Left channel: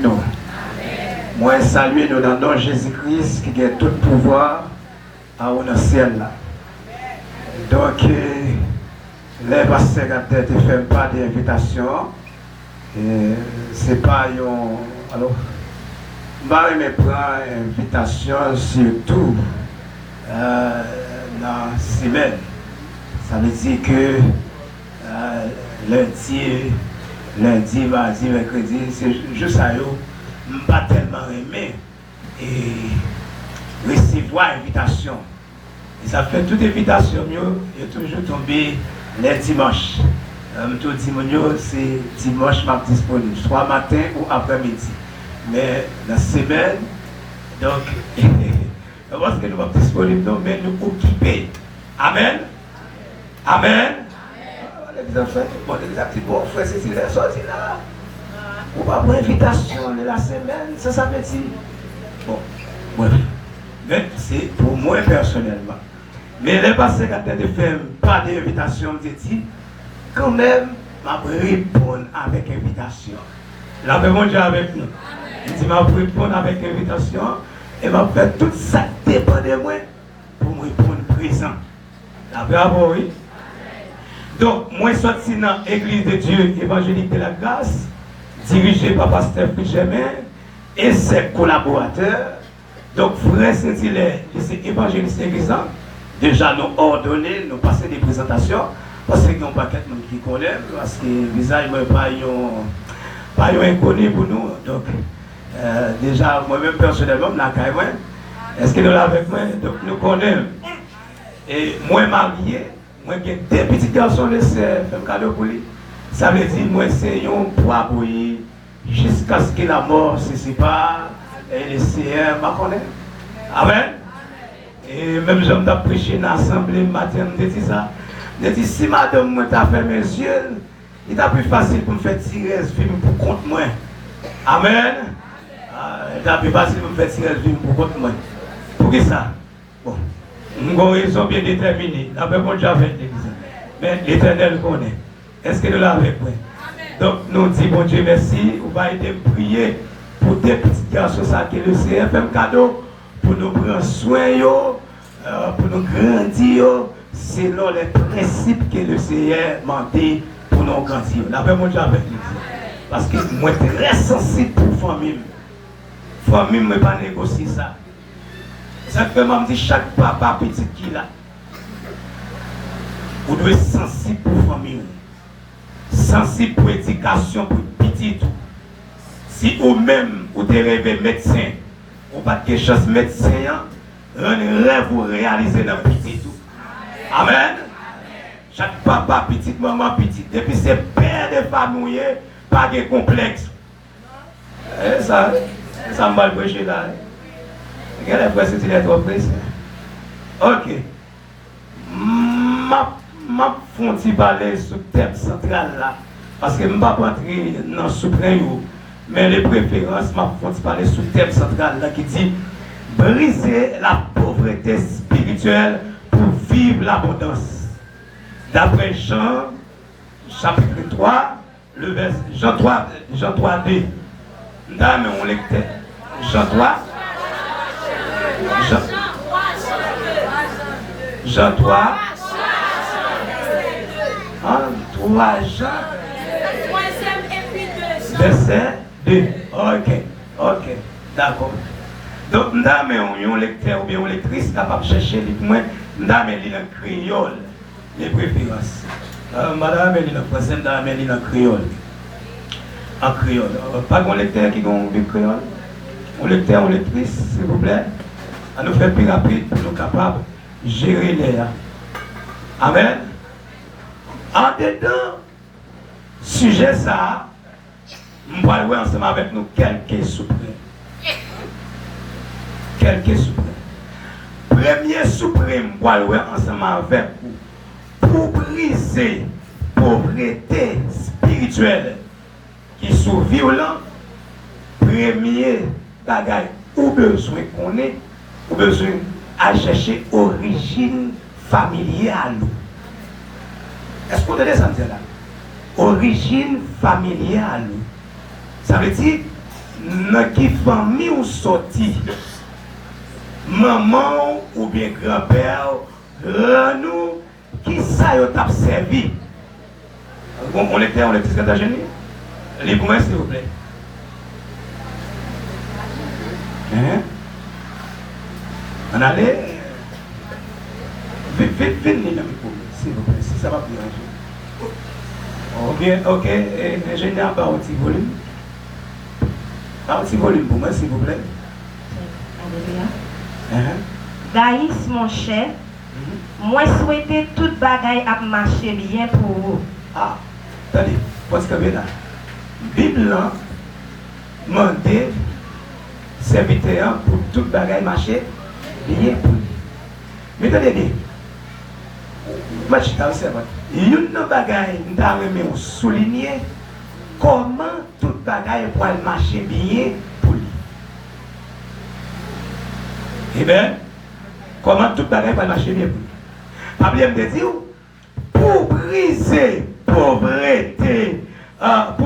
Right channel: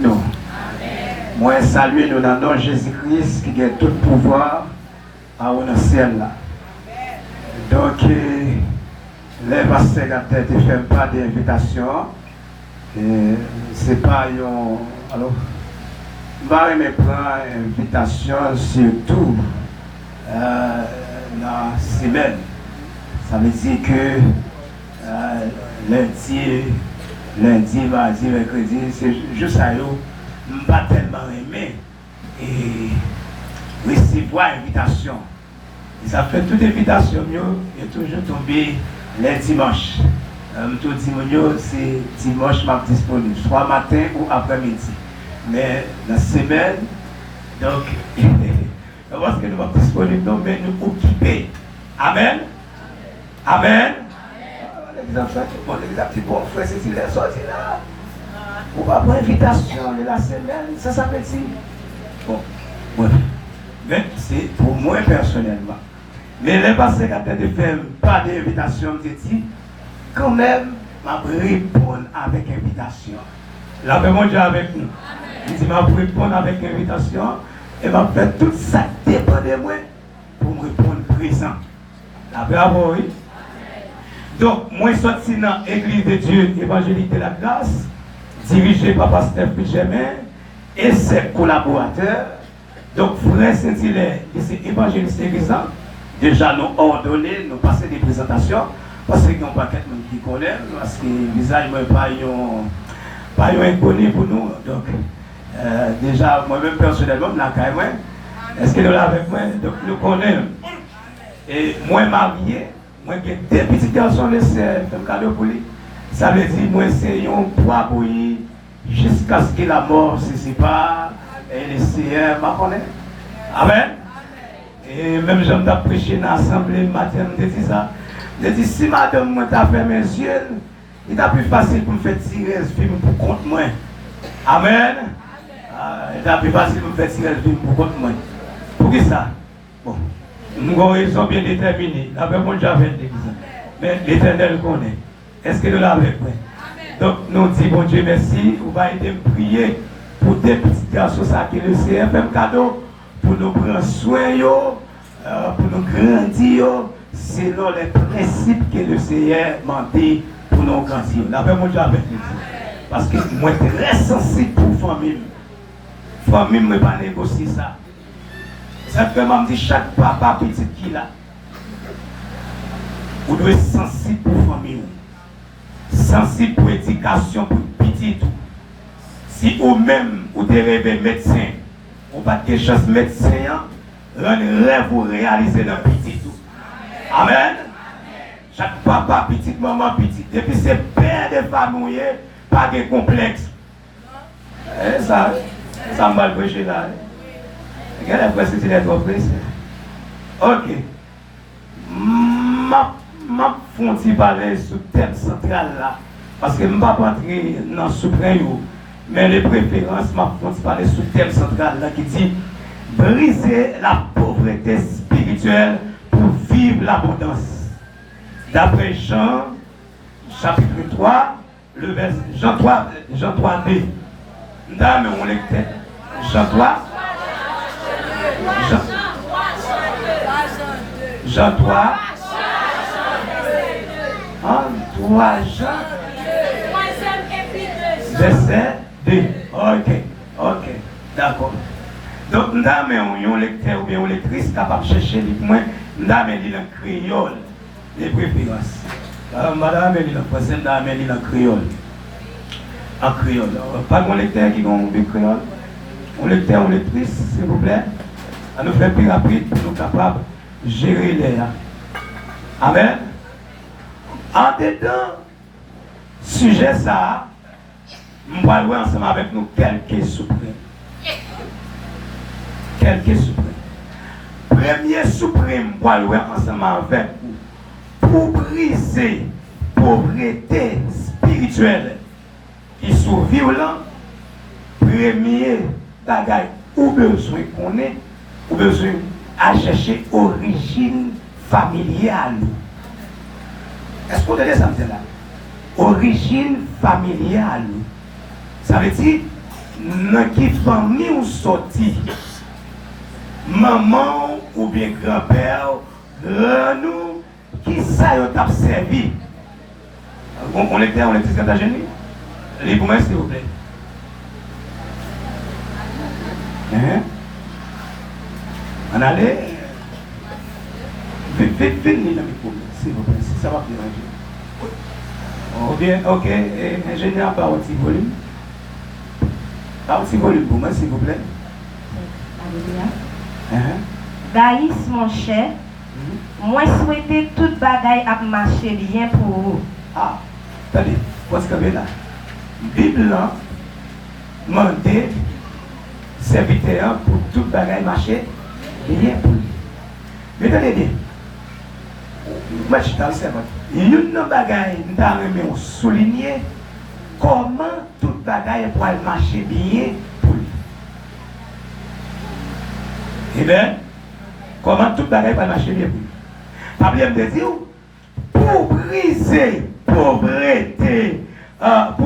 Nous. Moi, saluer nous dans le nom de Jésus-Christ qui a tout pouvoir à dans le ciel là. Donc, les pasteurs qui ne font pas d'invitation, c'est pas un. Alors, je vais prendre invitation surtout dans la semaine. Ça veut dire que lundi, mardi, mercredi, c'est juste à eux, je ne pas tellement aimé et recevoir invitation. Et ça fait toute invitation, et toujours tombé les dimanches. Tout dimanche, c'est dimanche ma disponible, soit matin ou après-midi. Mais la semaine, donc, parce que nous sommes disponibles, nous mais nous occuper. Amen. Amen. Bon, frère, c'est il est sorti là. Ou pas pour invitation de la semaine, ça veut dire. Bon, bref. Mais c'est pour moi personnellement. Mais les passés qui ont fait pas d'invitation, je dis, quand même, je vais répondre avec invitation. La paix mon Dieu avec nous. Je dis, je vais répondre avec invitation et je vais faire tout ça dépend de moi pour me répondre présent. La paix à vous, oui. Donc, moi, je suis sorti dans l'église de Dieu évangélique de la grâce, dirigée par Pasteur Germain et ses collaborateurs. Donc, frère Saint-Hilaire, c'est évangéliste église. Déjà, nous ordonnés, nous passer des présentations, parce qu'il y a un paquet de gens qui connaissent, parce que le visage n'est pas inconnu pour nous. Donc, déjà, moi-même, personnellement, est-ce que nous l'avons avec moi? Donc, nous connaissons. Et moi, marié, moi, j'ai deux petits garçons, c'est un cadeau pour lui. Ça veut dire, moi, c'est un poids pour lui, jusqu'à ce que la mort se sépare, et le Seigneur m'a connaît. Amen. Et même j'aime prêcher dans l'assemblée matin, je dis ça. Je dis, si madame moi t'a fait mes yeux, il est plus facile pour me faire tirer ce film pour contre moi. Amen. Il est plus facile pour me faire tirer ce film pour contre moi. Pour qui ça? Bon. Nous avons raison bien déterminée. La paix mon Dieu avec l'église. Mais l'Éternel connaît. Est-ce que nous l'avons avec moi? Donc nous disons, bon Dieu, merci. Vous va aider à prier pour des petits garçons qui le Seigneur fait un cadeau pour nous prendre soin, pour nous grandir selon les principes que le Seigneur m'a dit pour nous grandir. La paix mon Dieu avec l'église. Parce que moi, je suis très sensible pour la famille. La famille ne peut pas négocier ça. Ça fait que je dis chaque papa petit qui là, vous devez être sensible pour la famille, sensible pour l'éducation, pour le petit tout. Si vous-même, vous devez médecin, vous n'avez pas de chance médecin, un rêve vous réalisez dans le petit tout. Amen. Chaque papa petit, maman petit, depuis c'est père de famille, pas de complexe. Et ça m'a le prêché là. Quelle est la c'est l'entreprise? Ok. Ma fonti parler sur le thème central là. Parce que je ne vais pas entrer dans le suprême. Mais les préférences, ma fonti parler sur le thème central là qui dit briser la pauvreté spirituelle pour vivre l'abondance. D'après Jean, chapitre 3, le verset Jean 3b. Dame, on lectait. Jean 3. Jean 3. 3 Jean. Verset 2. Ok. D'accord. Donc, nous avons un lecteur ou bien une lectrice capable de chercher les points. Nous avons un créole, les préférences. Madame, elle est en français, nous avons un créole. En créole. Pas de lecteur qui a un créole. Un lecteur ou lectrice, s'il vous plaît. À nous faire plus rapide pour nous capables de gérer l'air. Amen. En dedans, sujet ça, nous allons voir ensemble avec nous quelques suprêmes. Quelques suprêmes. Premier suprême, nous allons voir ensemble avec vous pour briser la pauvreté spirituelle qui sont violents. Premier bagage ou besoin qu'on ait, ou besoin à chercher origine familiale. Est-ce qu'on a ça là? Origine familiale. Ça veut dire, dans qui famille ou sorti, maman ou bien grand-père, nous, qui ça y a servi. On était en États-Unis. Libre-moi, s'il vous plaît. Hein? On allait. Vite, s'il vous plaît, si ça va bien. Oh, bien, ok, ingénieur, par un petit volume. Par un petit volume pour moi, s'il vous plaît. Alléluia. Gaïs, mon cher, moi souhaiter toute bagaille à marcher bien pour vous. Ah, attendez, parce que là, Bible là, demandé serviteur pour toute bagaille marcher bien pour lui. Mais attendez bien, moi je suis dans le servant. Il y a une bagaille, nous avons souligné comment toute bagaille pour marcher bien pour lui. Eh bien, comment toute bagaille pour marcher bien pour lui. Pas me dire, pour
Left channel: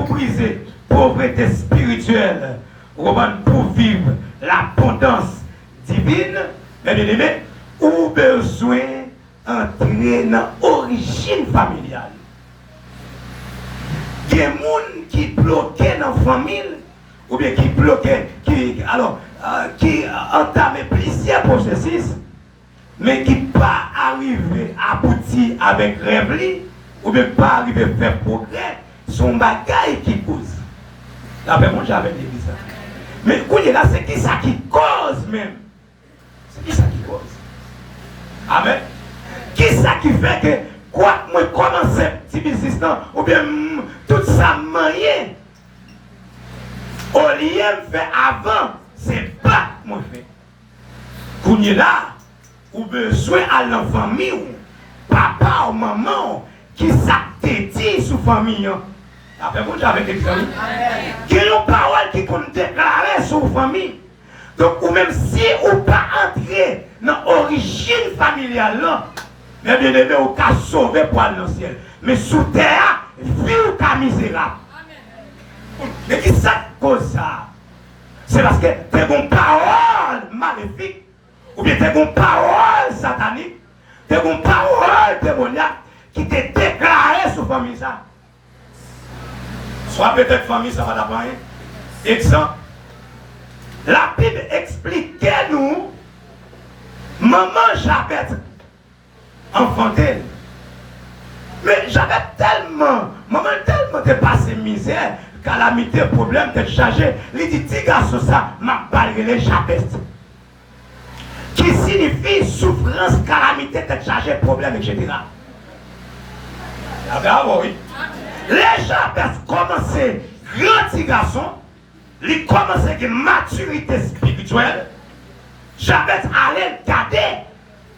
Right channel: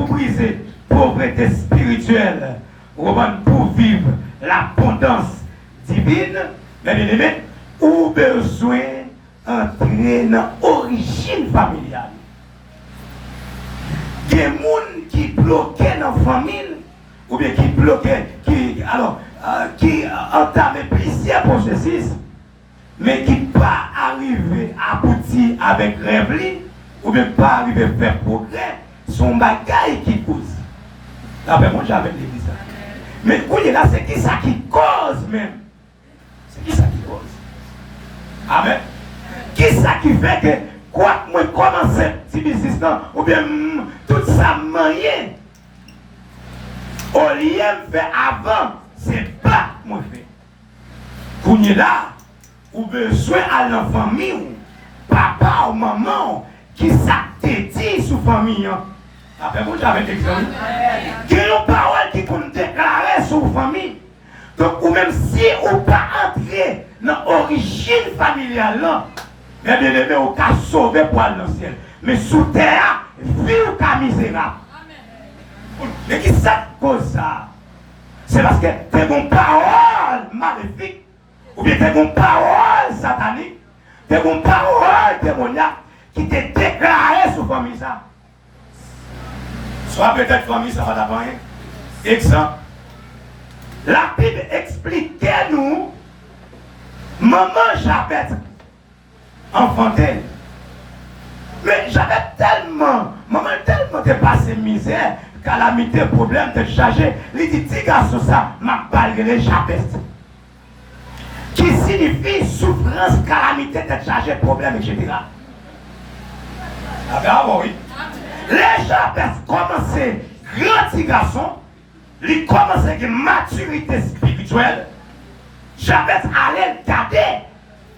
briser pauvreté spirituelle, pour vivre l'abondance divine, mais bien aimé, ou besoin d'entrer dans l'origine familiale. Il y a des gens qui bloquent dans la famille, ou bien qui bloquent, qui entament plusieurs processus, mais qui ne pas arriver à aboutir avec rêve, ou bien pas arriver à faire progrès, son bagage qui cause. Après, moi, j'avais l'église. Mais là, c'est qui ça qui cause même? C'est qui ça qui cause? Amen. Qui ça qui fait que, quoi, moi, commence ce business, ou bien tout ça, moyen, au lieu de faire avant, c'est pas moi fait. Qu'on est là, ou besoin à la famille, ou papa ou maman, qui s'activent sous famille. Après, moi, j'avais des amis. Qui ont une parole qui compte déclarer sur la famille. Donc, ou même si on pas entrer dans l'origine familiale, mais bien aimé, on peut sauver pour aller dans le ciel. Mais sous terre, vivre comme misérable. Mais qui ça cause ça? C'est parce que tu as une parole maléfique, ou bien tu as une parole satanique, tu as une parole démoniaque qui t'est déclarée sur la famille. Ça. Soit peut-être famille, ça va d'abord. Exemple. La Bible expliquait nous, maman Jabet, enfant d'elle. Mais j'avais maman tellement dépassé misère, calamité, problème, d'être chargé. Il dit, petit garçon, ça m'a balayé Jabet. Qui signifie souffrance, calamité, d'être chargé, problème, etc. Ah ben oui. Les Jabet commençaient, grand petit garçon, il commençait avec une maturité spirituelle. J'avais allé regarder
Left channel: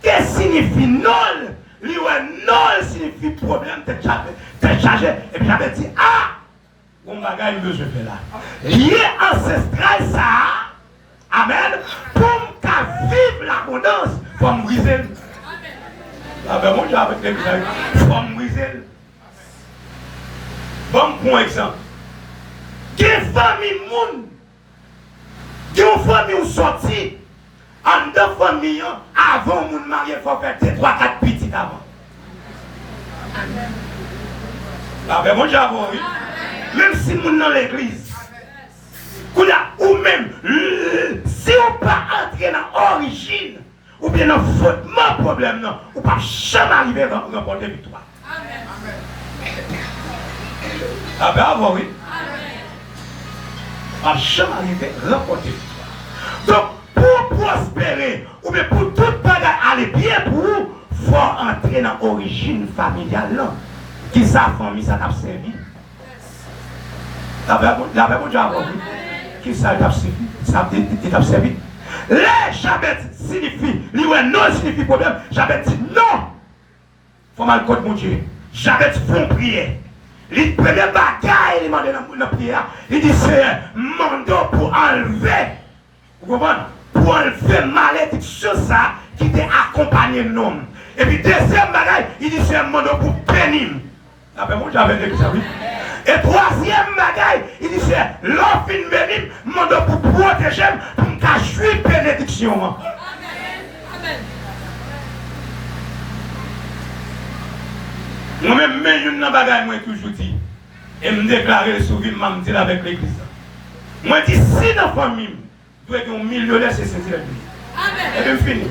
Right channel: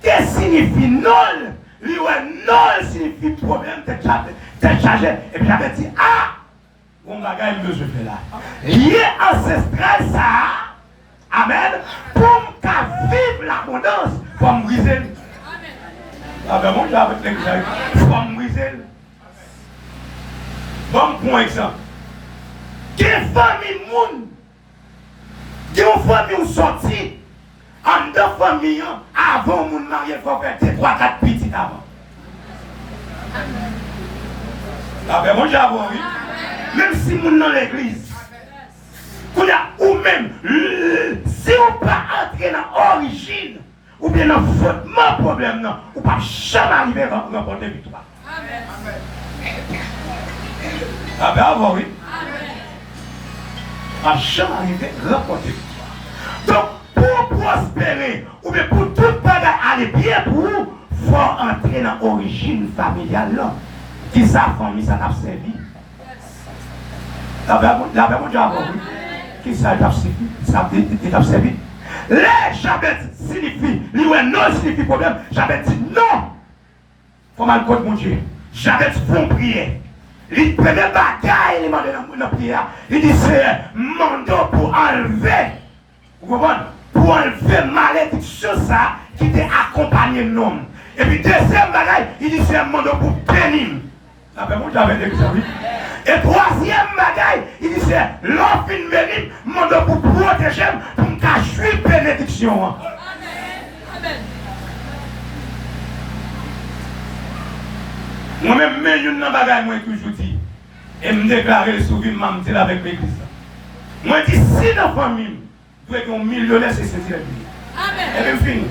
qu'est-ce que signifie nul. Lui, nul signifie problème, t'es chargé. Et puis j'avais dit, ah, on va gagner le jeu là. Lié ancestral, ça, amen, pour vivre l'abondance, pour me briser. Ah ben moi, j'avais fait que pour me briser. Bon, pour exemple. Quelle famille moun? Quelle famille sorti? En deux familles, avant moun marié, il faut faire 3-4 petits avant. La paix, bon j'avoue, oui. Même si moun dans l'église, ou même, si on pas entrer dans l'origine, ou bien dans le fondement problème, ou pas jamais arriver à remporter victoire. La paix, avant, oui. À jamais arriver à remporter victoire. Donc, pour prospérer, ou bien pour tout bagage aller bien pour vous, il faut entrer dans l'origine familiale. Là. Qui sa famille, ça t'a servi. La Bible dit, qui ça t'a servi? Ça t'a servi. Les Jabet signifie, non signifie problème. Jabet dit non. Faut mal contre mon Dieu. Jabet font prier. Il prend des bagailles, il demande dans la prière. Il dit c'est un mandat pour enlever. Vous comprenez? Pour enlever malédiction ça qui t'a accompagné le nom. Et puis deuxième bagaille, il dit c'est un mandat pour bénir. Après moi j'avais dit ça oui. Et troisième bagaille, il dit c'est l'homme fin venir, demande pour protéger, pour me cacher bénédiction. Amen. Amen. Moi-même, je ne bagaille, moi toujours dit. Et me déclarer le sourire, je me dis avec l'église. Moi, je dis si dans la famille, vous avez un millionnaire, c'est sincère. Amen. Et bien fini.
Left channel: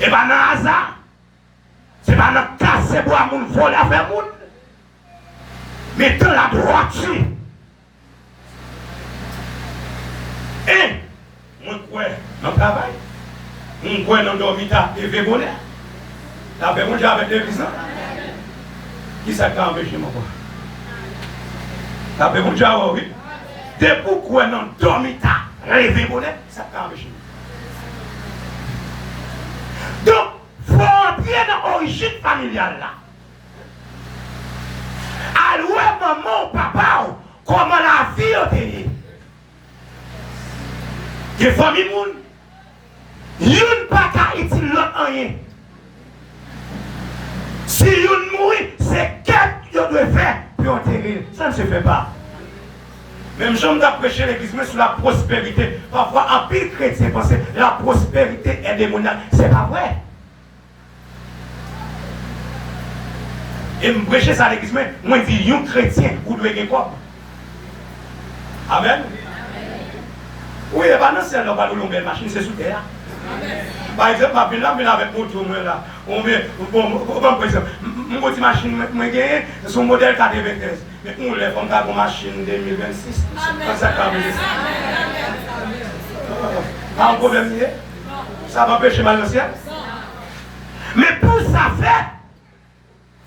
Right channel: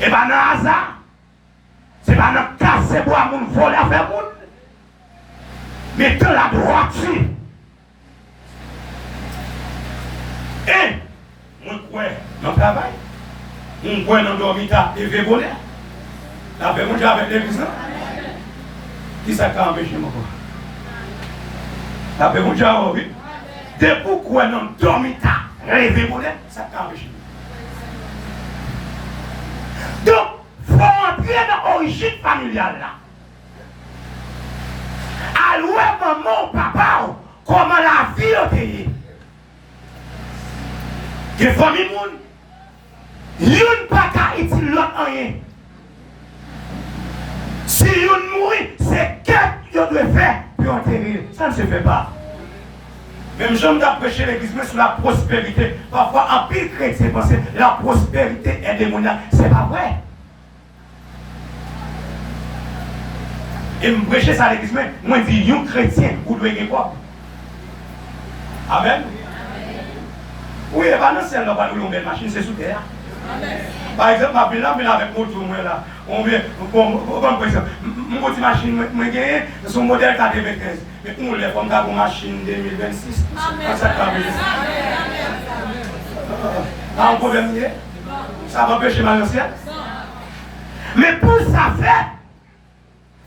Et bien dans le hasard, c'est pas dans le cas, c'est pour mon voler à faire monde. Mais dans la droiture. Et, moi, quoi, dans le travail, moi, quoi, dans le dormitoire, et je voler. La paix, moi, avec l'église. Qui ça a empêché mon corps? La paix, moi, oui. Dès pourquoi dans le dormitoire, rêver voler, ça a empêché. Donc, il faut entrer dans l'origine familiale là. Alors, maman, papa, comment la vie a été. Des familles, il n'y a pas qu'à utiliser l'autre rien. Si vous mourrez, c'est qu'est-ce que vous devez faire pour enterrer. Ça ne se fait pas. Même j'aime prêcher l'église sur la prospérité. Parfois, en pile chrétien, parce que la prospérité est démoniaque. C'est pas vrai. Et me prêcher ça à l'église, moi je dis, un chrétien, vous devez gagner quoi? Amen. Oui, et pas non, c'est là, pas de machine, c'est sous terre. Par exemple, ma ville là, avec mon tour, là, on met, par exemple, mon petit machine, moi gagné, son modèle 95. Mais on lève comme ça, une machine 2026. Comme ça, quand même. Pas un problème, ça va empêcher mal au ciel. Mais pour ça faire,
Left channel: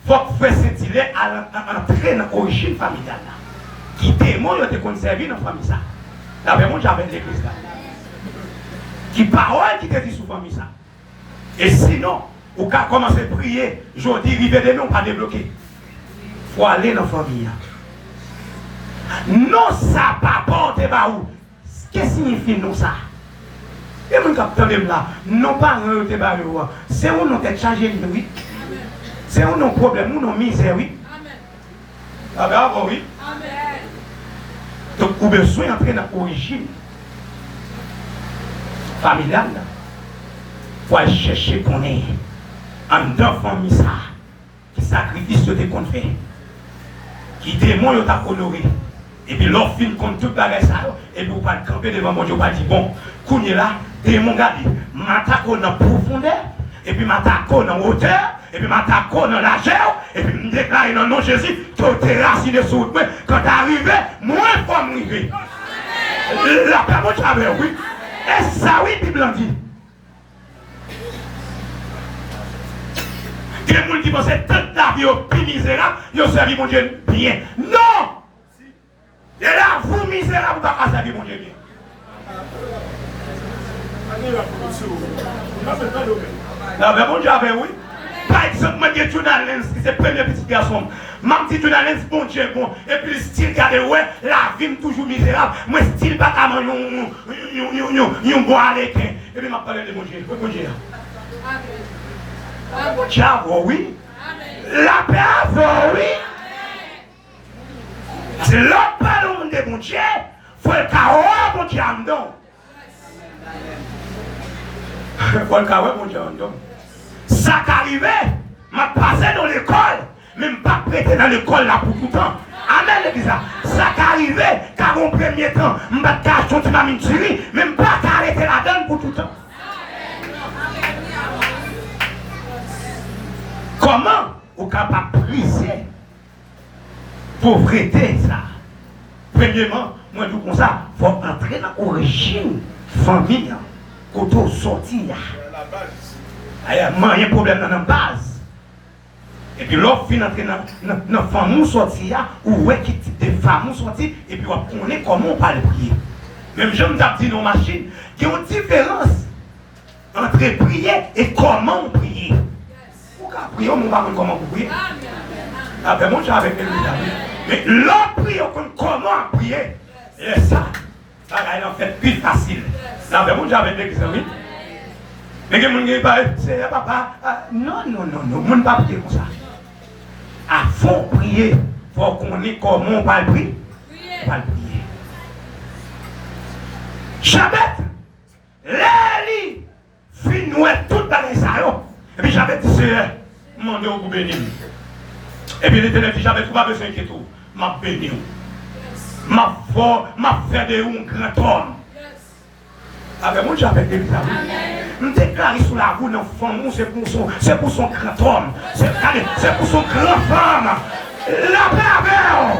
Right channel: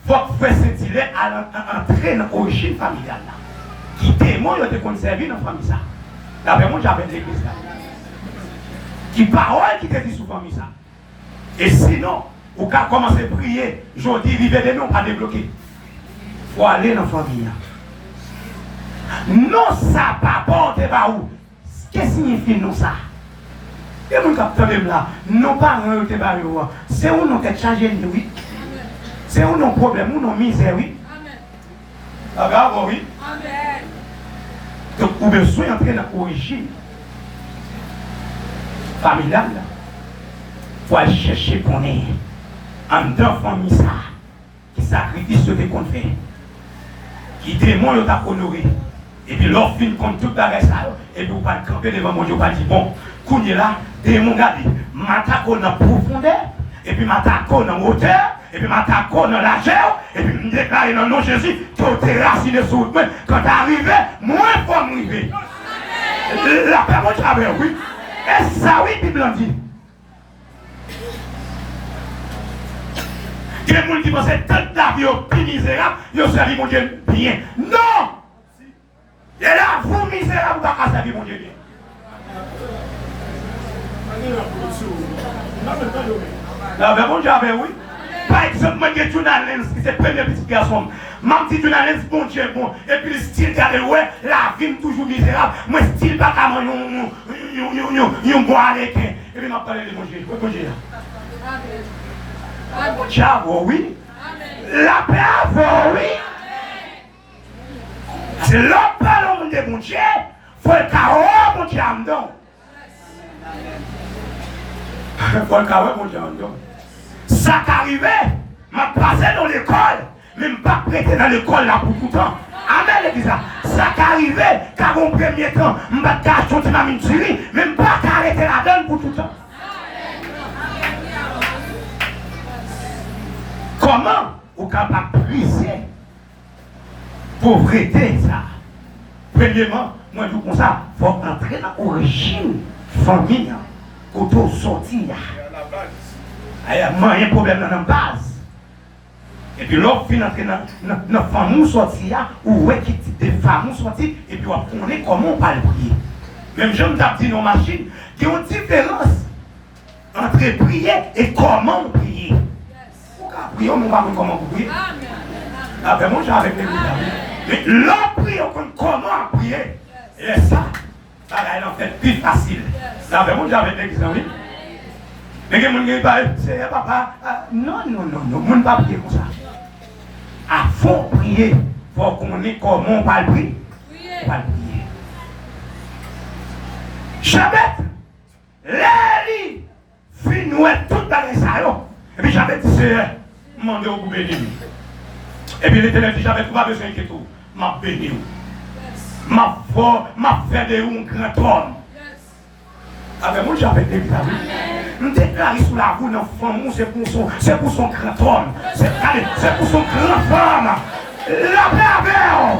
il faut faire cette idée à entrer dans l'origine familiale. Qui témoigne de conserver dans la famille. Là, vraiment, j'avais l'église là. Qui parole qui te dit sous famille ça. Et sinon, vous pouvez commencer à prier, je dis, rivière de nous, on va débloquer. Il faut aller dans la famille. Non, ça pas porter par où. Qu'est-ce que signifie nous ça? Et mon capteur là, non pas un te par où. C'est où nous t'es changé de oui. C'est où nos problèmes, où nos misères, oui. Amen. Ah oui. Amen. Donc, vous avez besoin d'entrer dans l'origine familiale. Il faut aller chercher qu'on est en dedans famille ça. Qui sacrifice ce qu'on fait. Qui témoigne à honorer. Et puis l'offre fin contre tout bagage ça. Et vous pas camper devant mon Dieu, pas dire bon, qu'on est là, démon gadi, m'attaque dans la profondeur, et puis m'attaque dans la hauteur. Et puis m'attaque dans la largeur, et puis me déclare dans le nom de Jésus que tu es raciné sur le point. Quand tu arrives, moins faut m'arriver. La paix, mon travail, oui. Et ça, oui, Bible en dit. Il y a des gens qui pensent que toute la vie est plus misérable, ils ont servi mon Dieu bien. Non! Et là, vous misérable, vous n'avez pas servi mon Dieu bien. La paix, mon travail, oui. Par exemple, moi, j'ai journaliste qui c'est le premier petit garçon. Mon petit journaliste, bon Dieu, bon. Et puis le style, regardez, ouais, la vie est toujours misérable. Moi, style, pas comme un bon avec. Et puis, m'a parlé de mon Dieu. Mon Dieu. Ciao, oui. La paix, oui. C'est l'autre parole de mon Dieu. Il faut le carreau, mon Dieu, en dedans. Il faut le carreau, mon Dieu, en dedans. Ça qu'arrivait, m'a passé dans l'école, mais je pas prêté dans l'école là pour tout le temps. Amen, l'église là. Ça qu'arrivait, car au premier temps, je pas caché sur ma mine tuerie, mais je pas arrêté la donne pour tout le temps. Comment vous capable de briser pauvreté ça? Premièrement, moi tout comme ça, il faut entrer dans l'origine famille, quand on sortit. Il y a un problème dans la base. Et puis l'autre fin entrer dans la famille sortie, ou ouais, qui des femmes sorties, et puis on connaît comment on parle prier. Même je me dis dans la machine, il y a une différence entre prier et comment prier. Pourquoi prier, on ne va pas comment prier. Après moi, j'avais mes amis. Mais l'autre prier, on connaît comment prier. Et ça, ça va en fait plus facile. Après moi, j'avais des amis. Mais que mon gars, c'est papa. Non, je ne peux pas prier comme ça. À fond prier, il faut qu'on ait comment on va le prier. On va le prier. Jamais, les finouet tout dans les salons. Et puis j'avais dit, c'est demandez au béni. Et puis l'Éternel dit, j'avais pas besoin de tout. M'a béni. M'a fait de un grand homme. Avec moi, j'avais déclaré. Je déclaré sous la roue d'un femme, c'est pour son grand homme. C'est pour son grand femme. La pervers.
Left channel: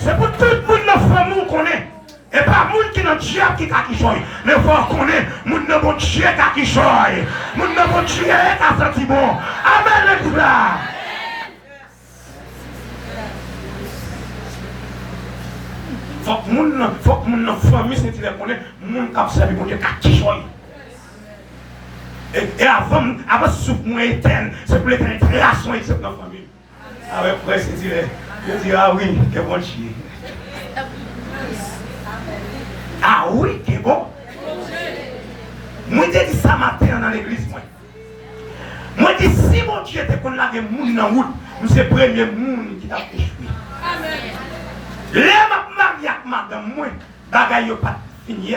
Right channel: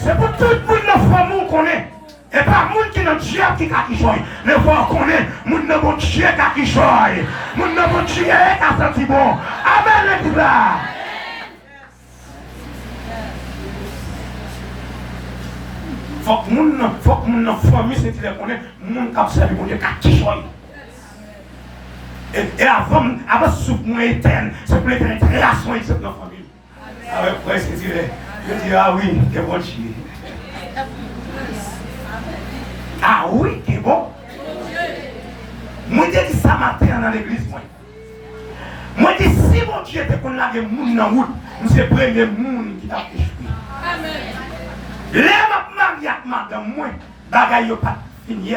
C'est pour tout le monde la femme qu'on est. Et pas le monde qui est notre Dieu qui a qui choisit. Mais il faut qu'on est, le monde de mon Dieu qui a qui choisit. Le monde de mon Dieu qui a senti bon. Amen, les gars. Faut que mon famille c'est qu'il connaît, mon cap c'est mon Dieu qui choisit. Et avant souffle mon éternel, c'est pour l'éternel création et c'est notre famille. Avec presque je dis ah oui, que bon Dieu. Ah oui, c'est bon. Moi, je dis ça matin dans l'église. Moi, je dis si mon Dieu était qu'on a des gens dans la route, c'est le premier monde qui t'a échoué. Amen. Les mariés avec madame, moi, bagaille pas fini.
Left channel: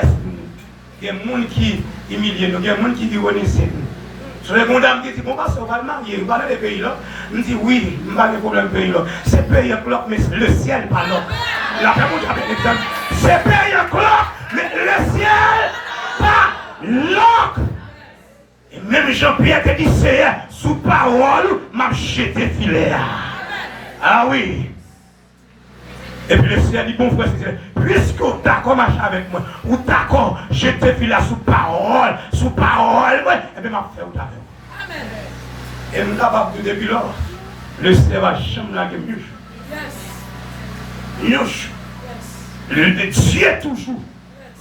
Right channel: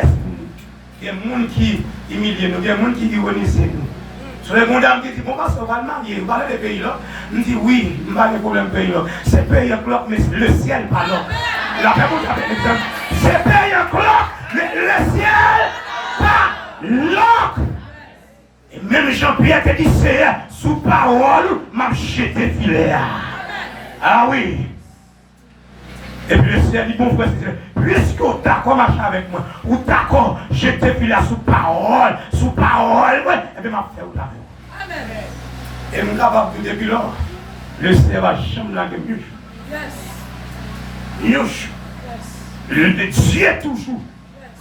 Il y a des gens qui humilient nous, il y a des gens qui ironisent nous. Sur les condamnés qui disent, bon, parce qu'on va le marier, on va aller dans les pays là. On dit oui, on va les problèmes pays là. C'est pays en cloque, mais le ciel pas là. La personne qui a fait l'exemple. C'est pays en cloque, mais le ciel pas là. Et même Jean-Pierre te dit, c'est sous parole, m'a jeté filet. Ah oui. Et puis le ciel dit, bon frère, puisque tu es d'accord marcher avec moi, ou d'accord jeter filet sous parole, et bien m'a fait ou d'accord. Amen. Et je suis capable de depuis là, le ciel va jamais la gueule. Yes. Le Dieu toujours.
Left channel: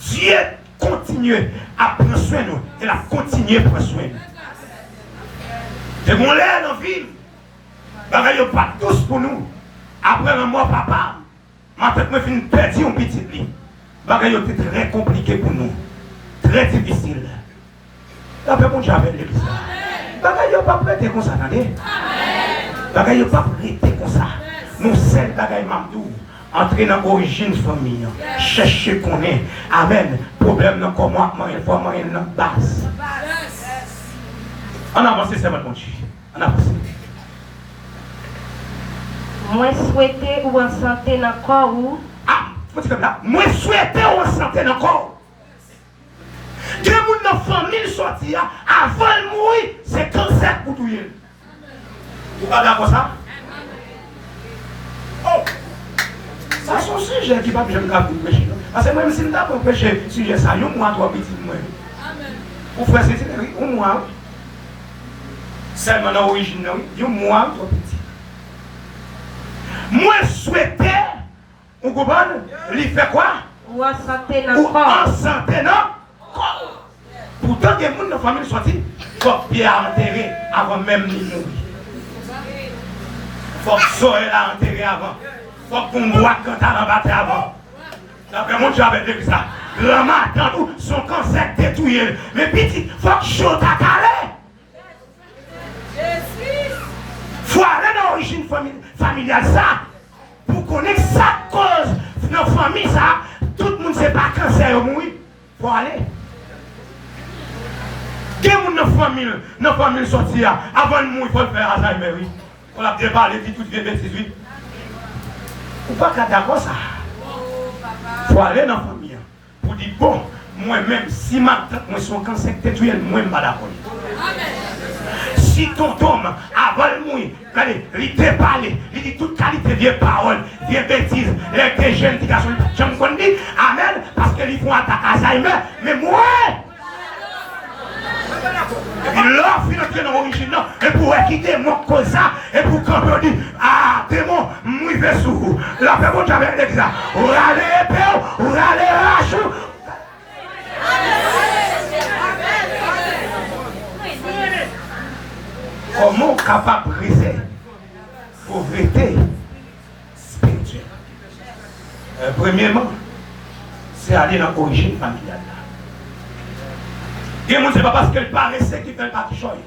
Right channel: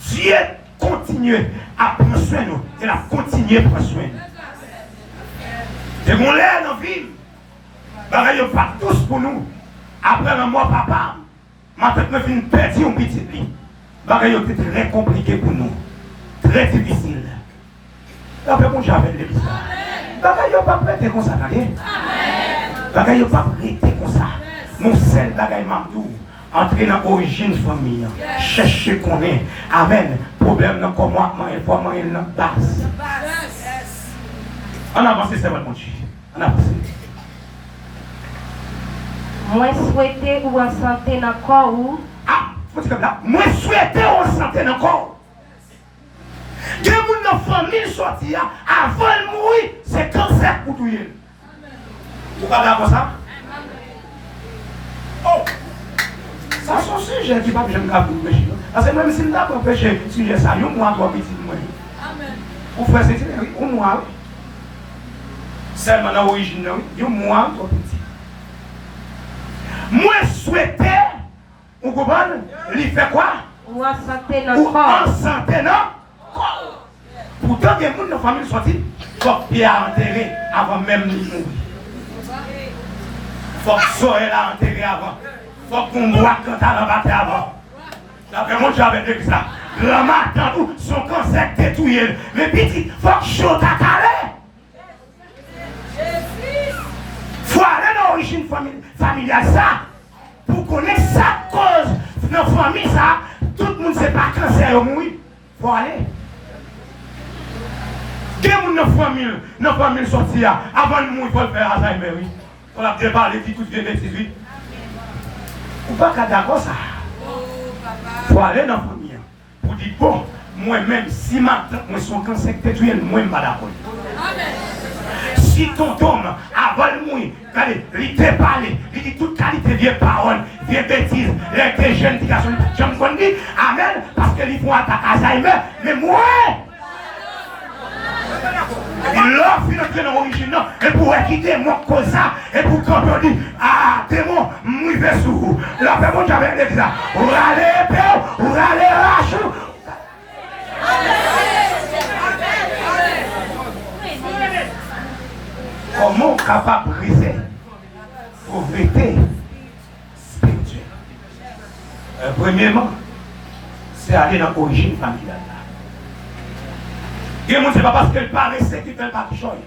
Dieu continue à prendre soin de nous. Il a continué à prendre soin de nous. C'est mon l'air dans la ville. Ils ne sont pas tous pour nous. Après la mort, papa, ma tête me fait perdre un petit lit. Ils étaient très compliqués pour nous. Très difficile. Après, mon j'avais l'église. Ils ne pas prêter comme ça. Ils ne pas prêter comme ça. Nous, celles bagaille Mamdou. Entrer dans l'origine famille, chercher qu'on est, amen, problème dans comment il faut manger dans la base. On avance, c'est mon Dieu. On avance. Moi souhaiter ou en santé dans le corps ou. Ah, faut comme là. Moi souhaiter ou en santé dans le corps. Il y a des gens dans la famille sorti avant de mourir, c'est cancer pour tout le monde. Vous ne parlez pas comme ça? Oh! Ça, c'est un sujet qui va me pécher. Parce que même si je ne peux pas pécher, sujet ça, il y a un mois, trois petits mois. Amen. Pour faire c'est un mois. Seulement dans l'origine, il y a un mois, trois petits. Moi, souhaiter, vous comprenez, il fait quoi? Ou en santé dans le corps. Ou en santé dans le corps. Pourtant, il y a des gens dans la famille sortis, il faut que Pierre enterré avant même de mourir. Il faut que Zoé l'a enterré avant. Il faut qu'on voit quand tu as rabattu avant. D'après moi, j'avais dit ça. La marque dans tout, son cancer détruit. Mais petit, il faut que je sois calé. Il faut aller dans l'origine familiale, ça. Pour connaître sa cause de la famille, ça. Tout le monde ne sait pas cancer ou mourir. Il faut aller. Des gens dans la famille sortie avant de mourir, il faut le faire Alzheimer. On a débarré de toutes les bêtises. Ou pas qu'à d'accord ça. Il faut aller dans la famille. Pour dire, bon, moi-même, si ma son cancer détruit, moi, je ne suis pas d'accord. Si ton homme, avant de mourir, il te parle, il dit toute qualité de vieille parole, vieille bêtises, les jeunes qui sont je me dis, amen, parce qu'ils font attaquer Alzheimer, mais moi, l'offre de l'origine, et pour quitter mon cause, et pour qu'on peut dire, ah, démon, moi, je vais sous vous. La personne, j'avais l'exemple. Ou allez, père, ou allez, rachou. Comment capable de briser la pauvreté spirituelle? Premièrement, c'est aller dans l'origine familiale. Et moi, ce n'est pas parce qu'elle paraissait qu'il ne fait pas de choses.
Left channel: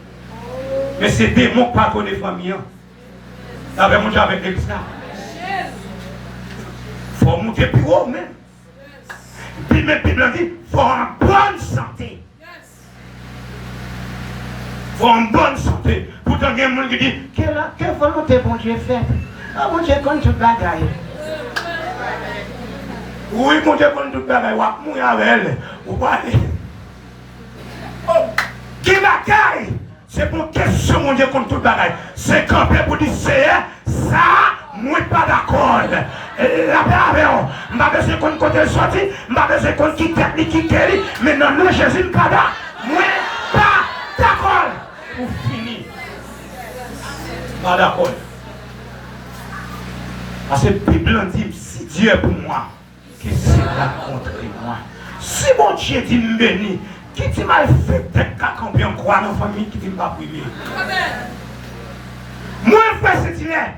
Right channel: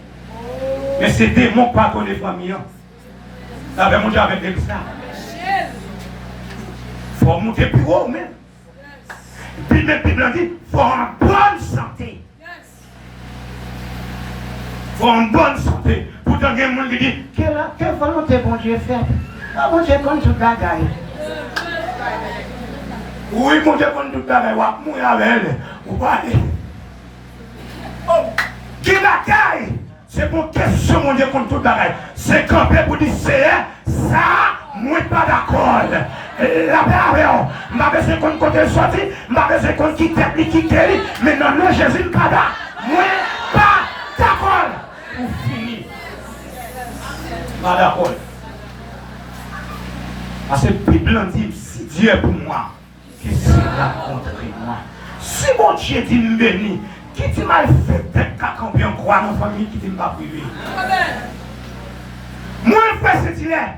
Mais c'est des démons qui ne connaissent pas famille. Ça va monter avec l'église. Il faut monter plus haut même. Puis même, puis il dit, il faut en bonne santé. Il faut en bonne santé. Pourtant, il y a des gens qui disent, quelle volonté bon Dieu fait? Ah, bon Dieu, comme tout bagaille. Oui, mon Dieu, comme tout bagaille, ou à mourir avec elle, ou pas aller. Oh, qui bagaille? C'est pour question, mon Dieu, contre tout bagaille. C'est campé pour dire, c'est ça, moi, pas d'accord. La paix avec vous. Je n'ai pas besoin qu'on côté sorti, je n'ai pas besoin qu'on quitte technique qui guérit, mais non, non, Jésus, pas d'accord. Moi, pas d'accord. Pour finir. Pas d'accord. Parce que la Bible dit, si Dieu est pour moi, qui sera contre moi? Si mon Dieu dit me bénir, qui dit m'a fait tête qu'à combien croire dans la famille qui dit m'a privé? Moi, je fais ce qu'il est.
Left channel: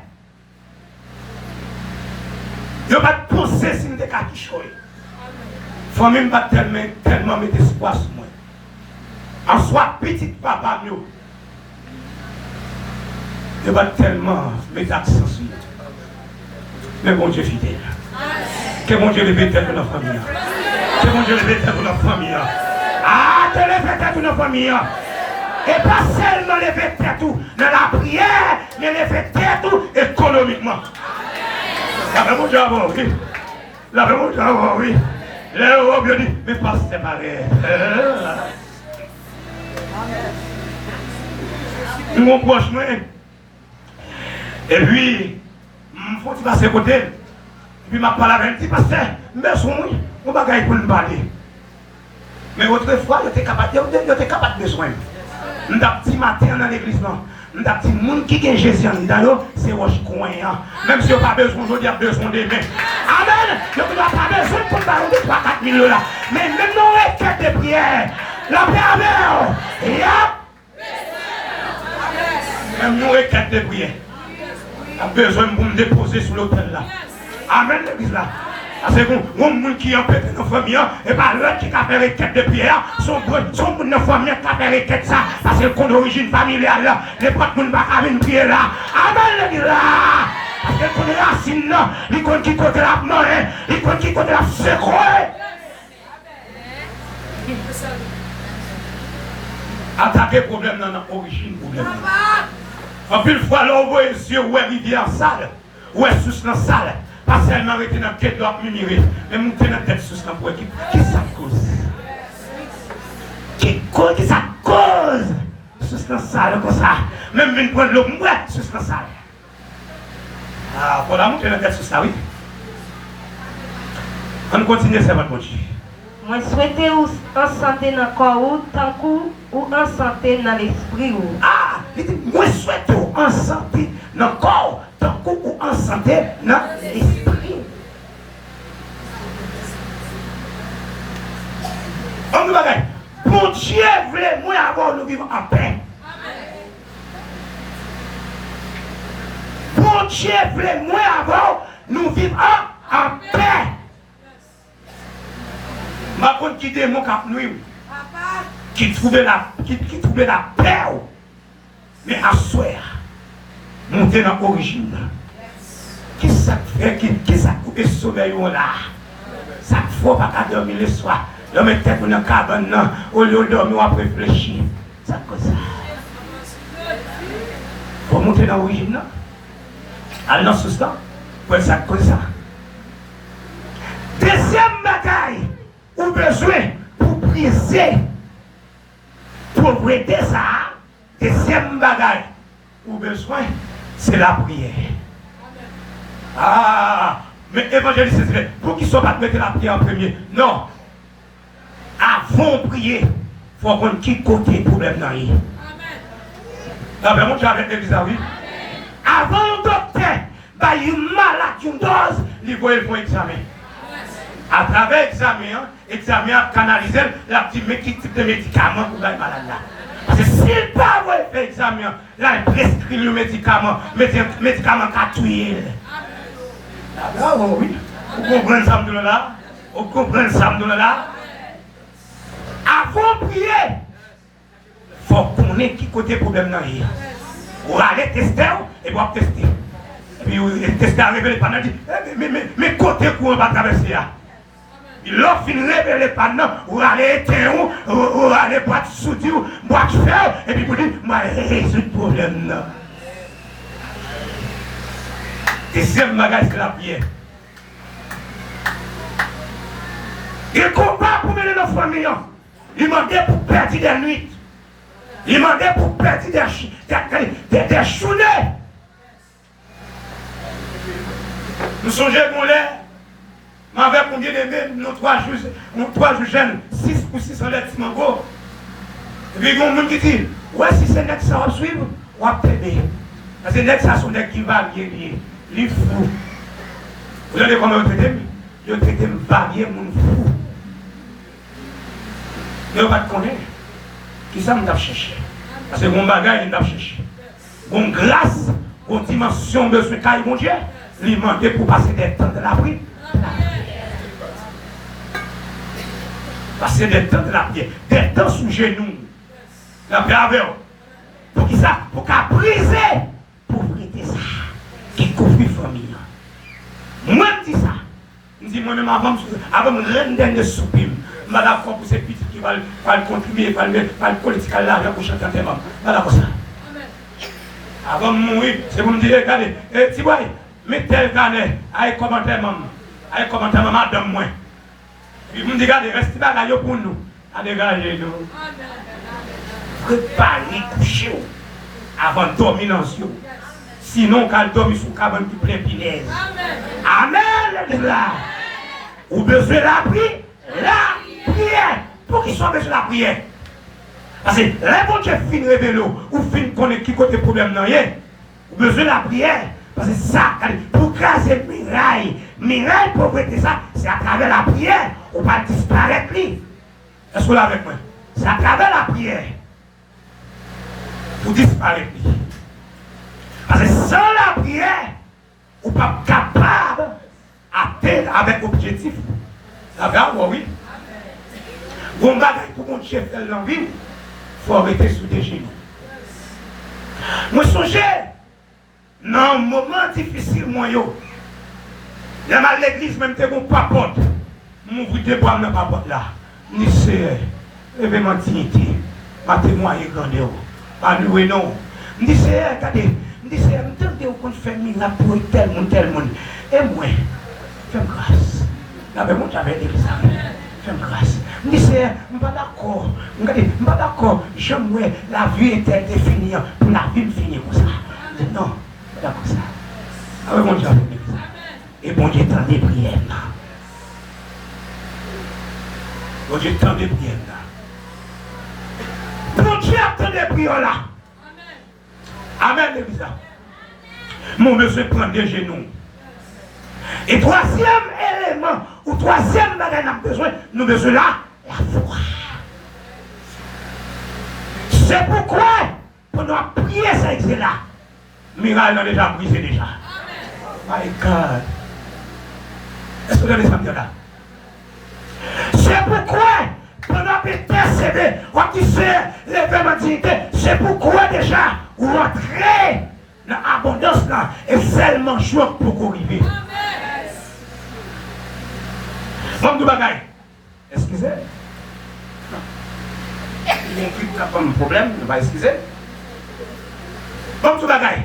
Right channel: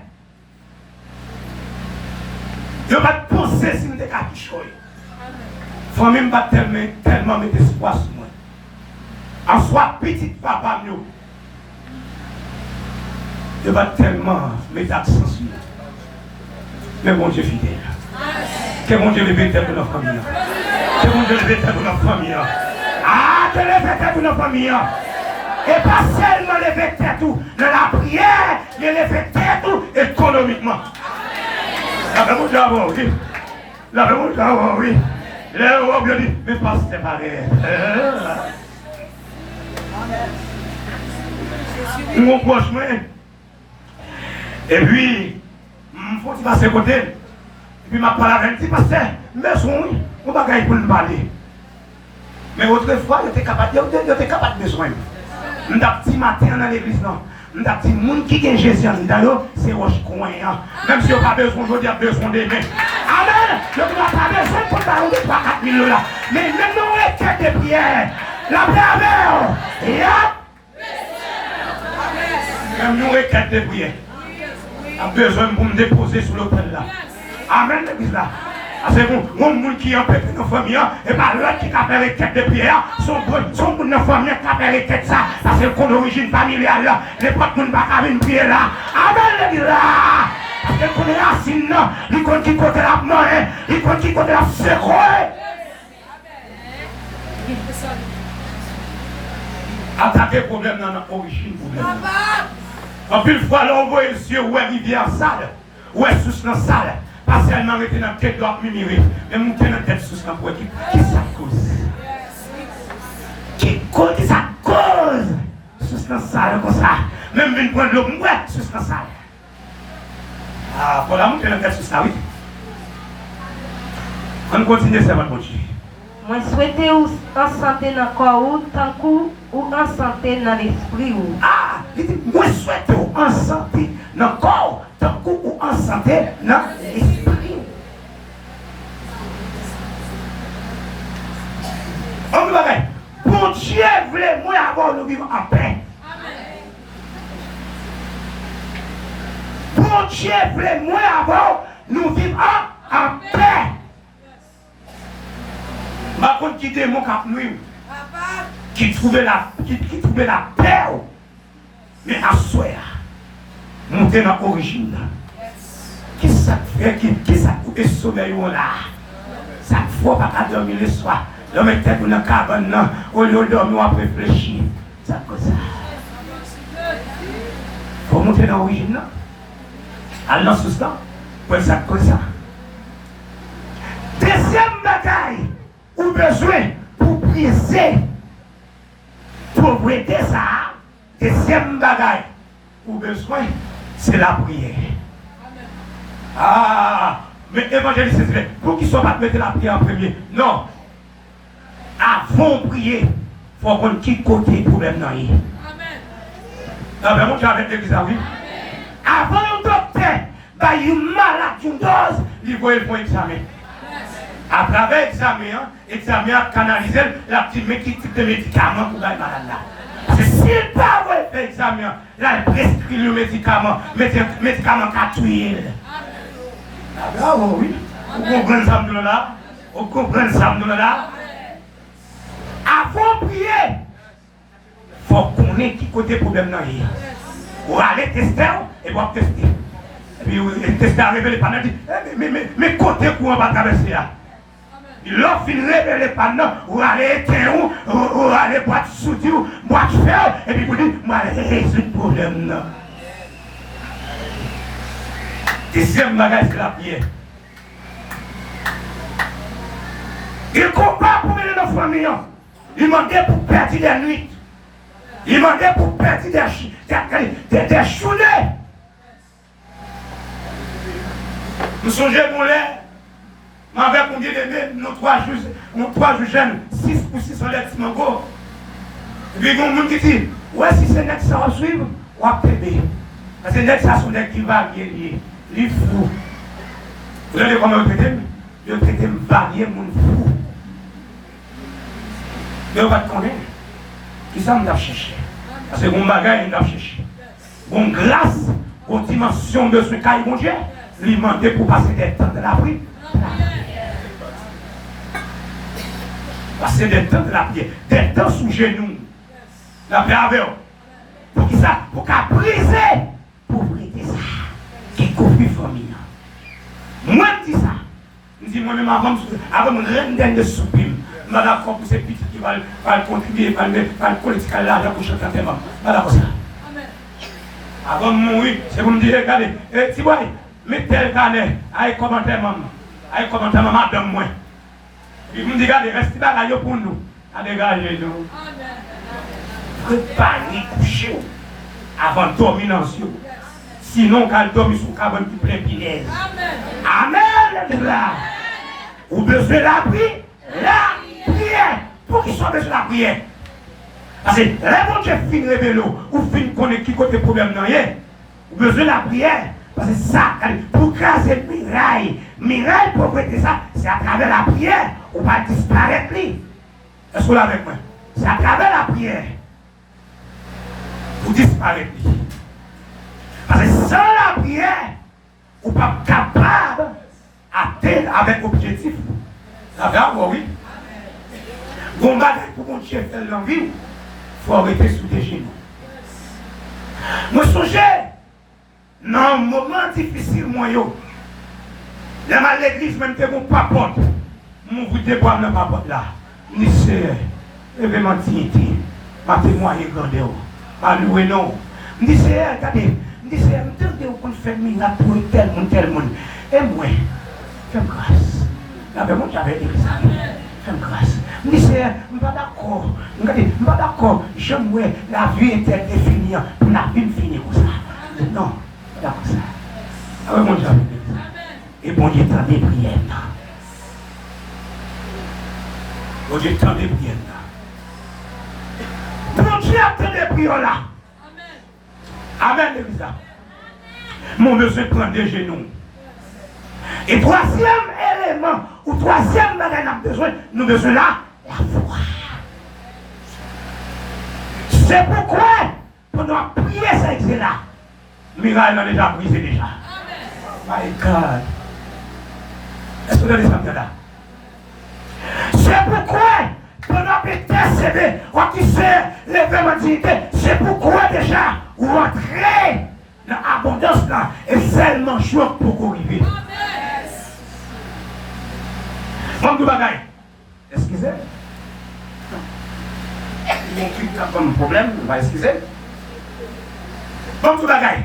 Je ne vais pas penser si je suis quelque chose. La famille m'a tellement mis d'espoir sur moi. En soit petit papa, je vais tellement mettre l'accent sur moi. Mais bon Dieu fidèle. Que mon Dieu lève tête pour notre famille. Que mon Dieu lève tête pour notre famille. Ah, que lève tête pour notre famille. Et pas seulement lever tête dans la prière, mais lever tête économiquement. La vraiment Dieu avant, oui. La vraiment Dieu avant, oui. Les Europes lui dit, mais pas séparés. Mon proche moi. Et puis, il faut passer côté. Et puis, je parle avec lui, pasteur, mais on va gagner pour nous parler. Mais autrefois, il était capable de besoin. Nous avons dit matin dans l'église, nous avons dit, les gens qui ont Jésus en dedans, c'est roche coin. Même si on n'a pas besoin, aujourd'hui, il y a besoin de mains. Amen. Donc, on n'a pas besoin de parler de 3-4 millions là. Mais même nos requêtes de prière, la paix avec même nos requêtes de prière. A besoin de me déposer sur l'hôtel là. Amen, l'église là. Parce que mon monde qui a pété dans la famille, et pas l'autre qui a fait requête de prière, son monde dans la famille qui a fait requête ça. Parce que le d'origine familiale là, les potes ne peuvent pas venir prier là. Amen, l'église là. Parce que les racines là, ils comptent qui côté la mort, ils comptent qui côté la secouée. Attaquer le problème dans l'origine problème. En plus, fois, on voit les yeux, où est rivière sale, où est sous la salle. Pas seulement rester dans la tête de la mimirer, mais monter dans la tête sous la poêle. Qui ça cause? Qui ça cause? Sous la salle comme ça. Même une prendre l'eau, moi, sous la salle. Ah, pour la monter dans la tête sous ça, oui. On continue, c'est votre Dieu. Moi, souhaitez en santé dans le corps, tant ou en santé dans l'esprit. Ah, moi, souhaitez en santé dans le corps, tant ou en santé dans l'esprit. On va dire, bon Dieu voulait moi avoir nous vivre en paix. Bon Dieu voulait moi avoir nous vivre en paix. Ma compte qui démon cap nuit, qui trouvait la paix, mais à soi, monter dans l'origine. Qui ça fait, qui ça coupe le sommeil là? Ça ne faut pas dormir le soir. L'homme est tête dans la cabane là, au lieu de dormir, on réfléchir. Ça comme ça. Pour monter dans l'origine là, aller dans ce temps, pour ça comme ça. Deuxième bataille. Ou besoin pour briser pauvreté ça, deuxième bagaille ou besoin c'est la prière. Ah, mais évangéliste c'est pour qu'ils soient pas mettre la prière en premier. Non. Avant de prier, il faut qu'on quitte côté problème dans lui. Amen. Mon avec l'église oui. Avant le docteur, bah il malade une dose, il va faire examen. À travers l'examen a canalisé la petite type de médicament pour la malade là. Parce que s'il pas fait l'examen, là il prescrit le médicament qu'a tué. Ah bravo, oui. Vous comprenez ça là? Vous comprenez ça là? Avant de prier, il faut qu'on ait qui côté problème là. Vous allez tester et vous tester. Et puis, il testé à révéler pendant, dit, mais côté courant va traverser là. L'offre fin révéler pendant, ou aller éteindre, ou aller boire souti, ou boire fer, et puis vous dites, moi, résoudre le problème là. Deuxième bagage, c'est la prière. Il combat pour mener nos familles. Il demandait pour perdre des nuits. Il demandait pour perdre des journées. Nous songeons qu'on l'est. Avec combien de nos 3 jours jeunes, 6 pour 600 lettres, mango. Et puis il y a un monde qui dit, ouais, si c'est net ça va suivre, on va t'aider. Parce que net ça sont des qui varient, les fous. Vous savez comment vous traitez? Vous traitez varier, mon fou. Vous va te connaître. Qui ça me l'a cherché? Parce que mon bagage, il l'a cherché. Bon grâce, aux dimensions de ce cas, mon Dieu, lui demander pour passer des temps de la prière. Passer des temps de la prière, des temps sous genoux. La prière avec vous. Pour qui ça? Pour qu'à briser, pour briser ça. Qui couvre la famille. Moi, je dis ça. Je dis moi-même avant de rendre de soupir. Je suis d'accord pour ces petits qui vont contribuer, vont collecter l'argent pour chanter tes membres. Je suis d'accord ça. Avant de mourir, c'est pour me dire, regardez, si vous voyez, mettez tel canet, allez commenter maman. Allez commenter maman, donne-moi. Puis vous me dites, regardez, restez là pour nous. À dégager nous. Préparez, couchez avant de dormir dans ce. Sinon, quand elle dormit sous le cabane du plein pilaise. Amen. Là. Ou besoin de la prière. La prière. Pour qu'il soit besoin de la prière. Parce que là, quand tu finis de révéler, ou finis de connaître qui côté problème, ou besoin de la prière. Parce que ça, pour casser miraille pour prêter ça, c'est à travers la prière. On va disparaître. Est-ce que vous êtes avec moi? C'est à travers la prière. Vous disparaître. Parce que sans la prière, on n'est pas capable d'atteindre avec objectif. La verdade, oui. Vous m'avez pour mon chef de l'envie, il faut arrêter sous des genoux. Moi, songez, dans un moment difficile, moi, dans l'église, même que mon papote, mon vous déboire dans ma papote là. Ni c'est événement dignité, ma témoigner grandeur, pas louer non. Ni c'est, regardez, ni c'est, entendez qu'on fait miracle pour tel monde. Et moi, fais grâce. Là, moi, j'avais dit ça. Fais grâce. Ni c'est, je ne suis pas d'accord. Regardez, je ne suis pas d'accord. J'aime la vie est définie, pour la vie me finit comme ça. Non, d'accord ça. Ah oui, moi, j'avais dit ça. Et bon Dieu, tant des prières là. Bon Dieu, tant des prières là. Bon Dieu, tant des prières là. Amen, l'église là. Mon besoin prend des genoux. Et troisième élément, ou troisième bagage, nous avons besoin là, la foi. C'est pourquoi, pendant prier ça existe là, miracle a déjà brisé déjà. My God. Est-ce que vous avez ça là? C'est pourquoi, pendant intercéder, on qui sait l'événement dignité, c'est pourquoi déjà, vous rentrez dans l'abondance là, et seulement choix pour arriver. Comme du bagaille. Excusez. Il y a un truc comme problème, on va excuser. Comme du bagaille.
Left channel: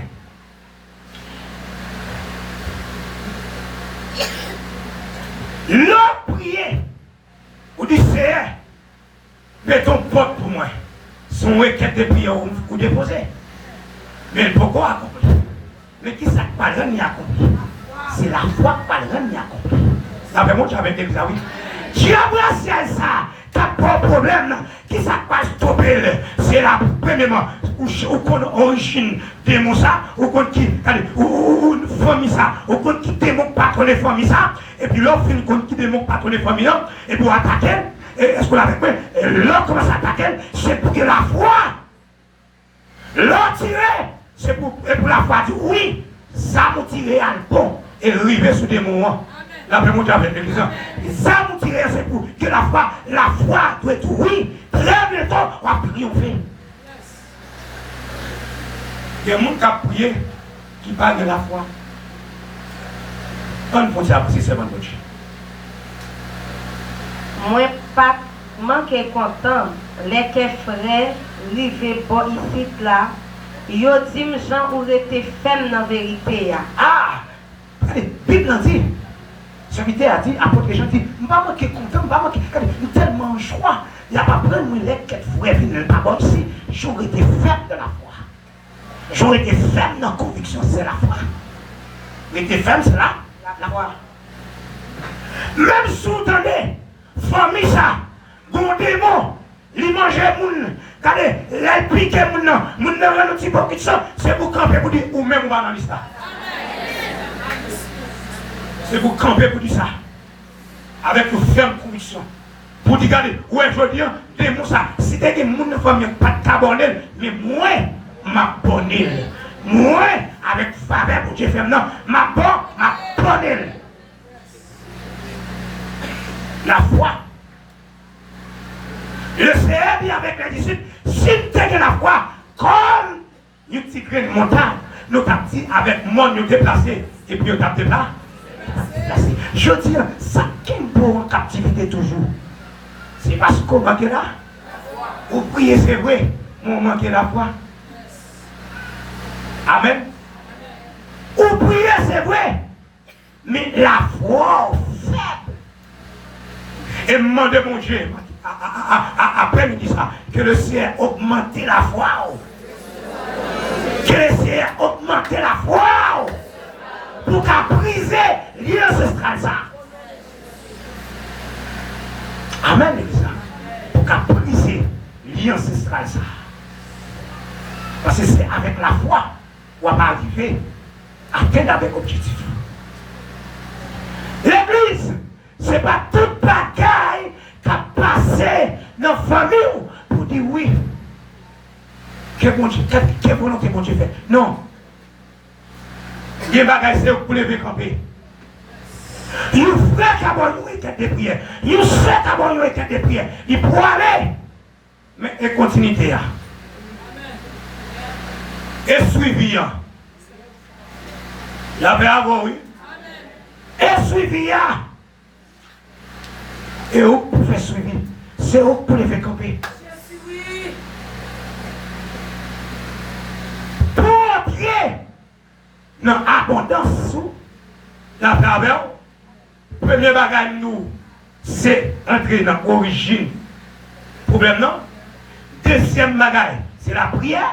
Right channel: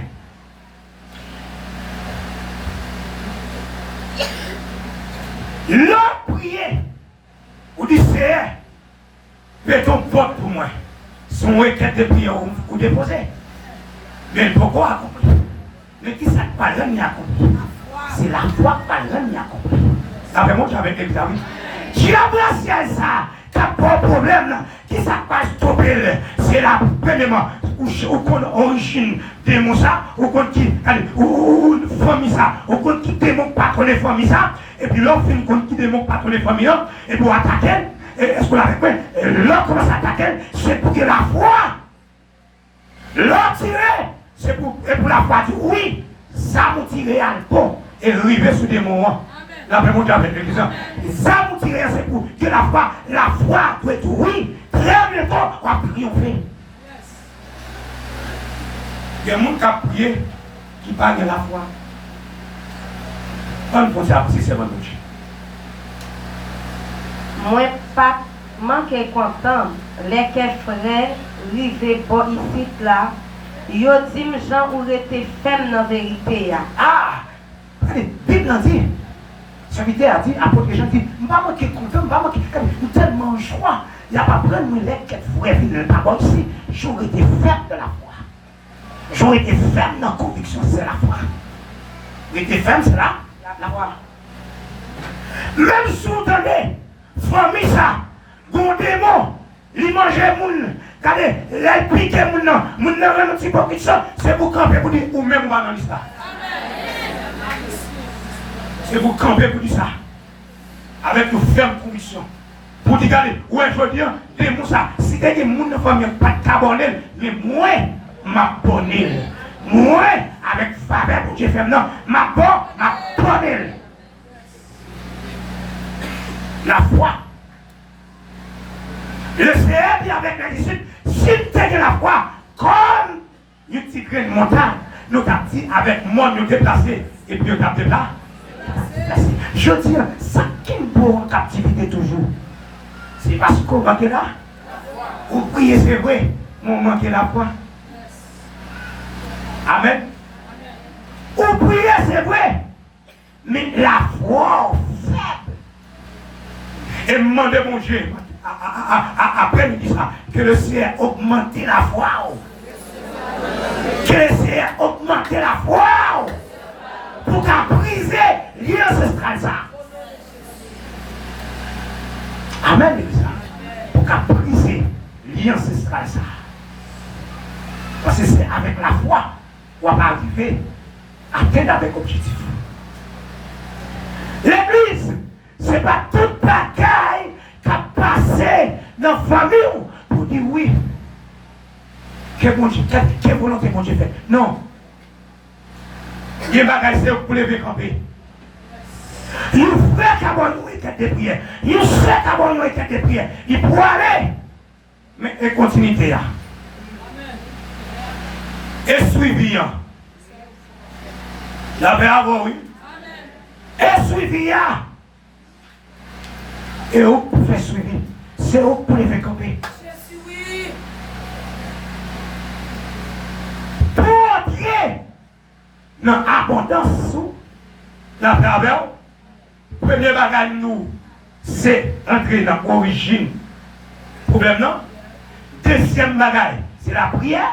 L'homme prier. Ou dit, c'est fais ton porte pour moi. Son requête de prière ou déposer. Mais pourquoi accomplir? Mais qui ça pas rien n'y accomplir? C'est la foi pas rien n'y accomplir. Ça fait moi j'avais l'examen. Dieu a ça. T'as pas de problème. Qui ça pas stopper? C'est la premièrement. Ou qu'on origine de mon ça, ou qu'on qui, ou une famille ça, ou qu'on qui démontre pas ton famille ça, et puis l'autre fin qu'on qui démontre pas ton famille et pour attaquer, est-ce qu'on l'a fait? Et l'autre commence à attaquer, c'est pour que la foi, l'autre tirer, c'est pour la foi dire oui, ça m'a tiré à bon, et arriver sur des moments. La première fois avec l'église, ça m'a tiré, c'est pour que la foi doit être oui, très bientôt, on va triompher. Il y a des gens qui ont prié, qui parlent de la foi. On ne peut pas apprécier ce bon Dieu. Moi, pas manquer content, les frères, rivé bon ici là, yo dit Jean ou était ferme dans la vérité. Ah! Allez, Bible a dit, serviteur a dit, apôtre Jean dit, je ne vais pas manquer content, je ne vais pas manquer, tellement joie, il n'y a pas plein de les frères viennent d'abord ici, j'aurais été ferme de la foi. J'aurais été ferme dans la conviction, c'est la foi. J'aurais été ferme, c'est là, la foi. Même si vous entendez, famille ça, bon démon, il mangeait moun, regardez, il piquait moun nan, moun nan rend un petit peu de sang, c'est pour camper pour dire, ou même ou dans l'histoire. C'est pour camper pour dire ça. Avec une ferme conviction. Pour dire, regardez, ouais, je dis, démon ça, si t'es des moun nan famille, pas de carbonel, mais moi, ma bonne. Moi, avec faveur pour Dieu ferme, non, ma bonne. La foi. Le Seigneur dit avec les disciples, si tu as la foi, comme nous petit grain de montagne, nous avons dit avec moi, nous déplacé, et puis nous avons déplacé. Je dis, ça qui est pour en captivité toujours, c'est parce qu'on manque là. Vous priez, c'est vrai, on manque la foi. Amen. Vous priez, c'est vrai, mais la foi faible. Et demandez mon Dieu, après nous dit ça, que le Seigneur augmente la foi. Que le Seigneur augmente la foi. Pour qu'à briser lien ancestral ça. Amen, l'église. Pour qu'à briser lien ancestral ça. Parce que c'est avec la foi qu'on va arriver à atteindre avec objectif. L'église, ce n'est pas toute bagaille qui a passé dans la famille pour dire oui. Quelle volonté bon Dieu fait. Non. Il y a des bagailles pour lever camper. Il fait qu'avoir une week-end de prière. Il sait qu'avoir une week-end de prière. Il peut aller. Mais et continuité là. Et suivi. Il y avait avant, oui. Et suivi. Et où pour faire suivi, c'est où pour les faire camper. Pour entrer dans l'abondance, dans la travers, premier bagage nous, c'est entrer dans l'origine. Problème non? Deuxième bagage, c'est la prière.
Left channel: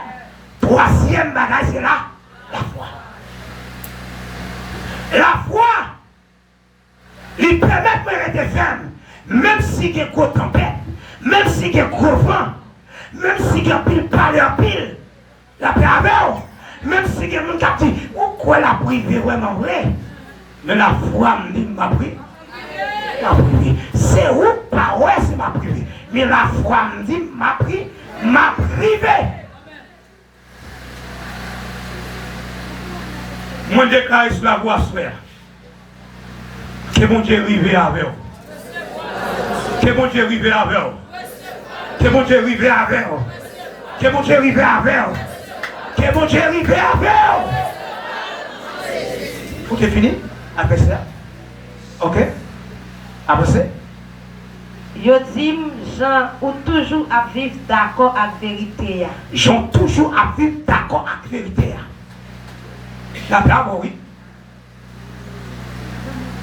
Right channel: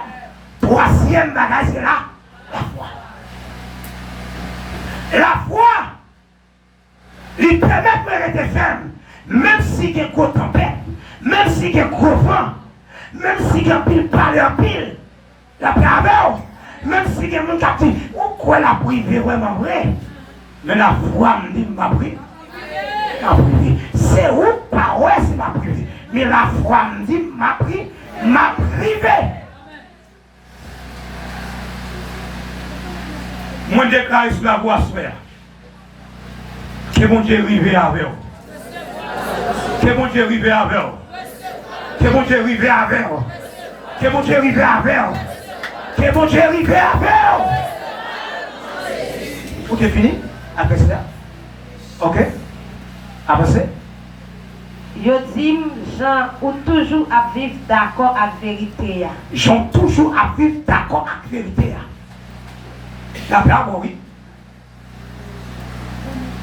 Troisième bagage, c'est la foi. La foi, il permet de rester ferme. Même si il y a gros tempête, même si il y a gros vent, même si il y a pile parler pile, la paix avec, même si il y a un qui dit, pourquoi la privée vraiment vrai? Mais la foi me dit, ma privée. Ma privée. C'est où, pas ouais, c'est ma privée. Mais la foi me dit, ma privée. Moi, je déclare sur la voie sphère. Que mon Dieu arrive avec vous. Que mon Dieu arrive avec vous. Que mon Dieu arrive avec vous. Que mon Dieu arrive avec vous. Que mon Dieu arrive avec vous. Tout est fini? Après ça? Ok? Après ça? Je dis, Jean, ou toujours à vivre d'accord avec la vérité. Jean, toujours à vivre d'accord avec la vérité. La paix, oui.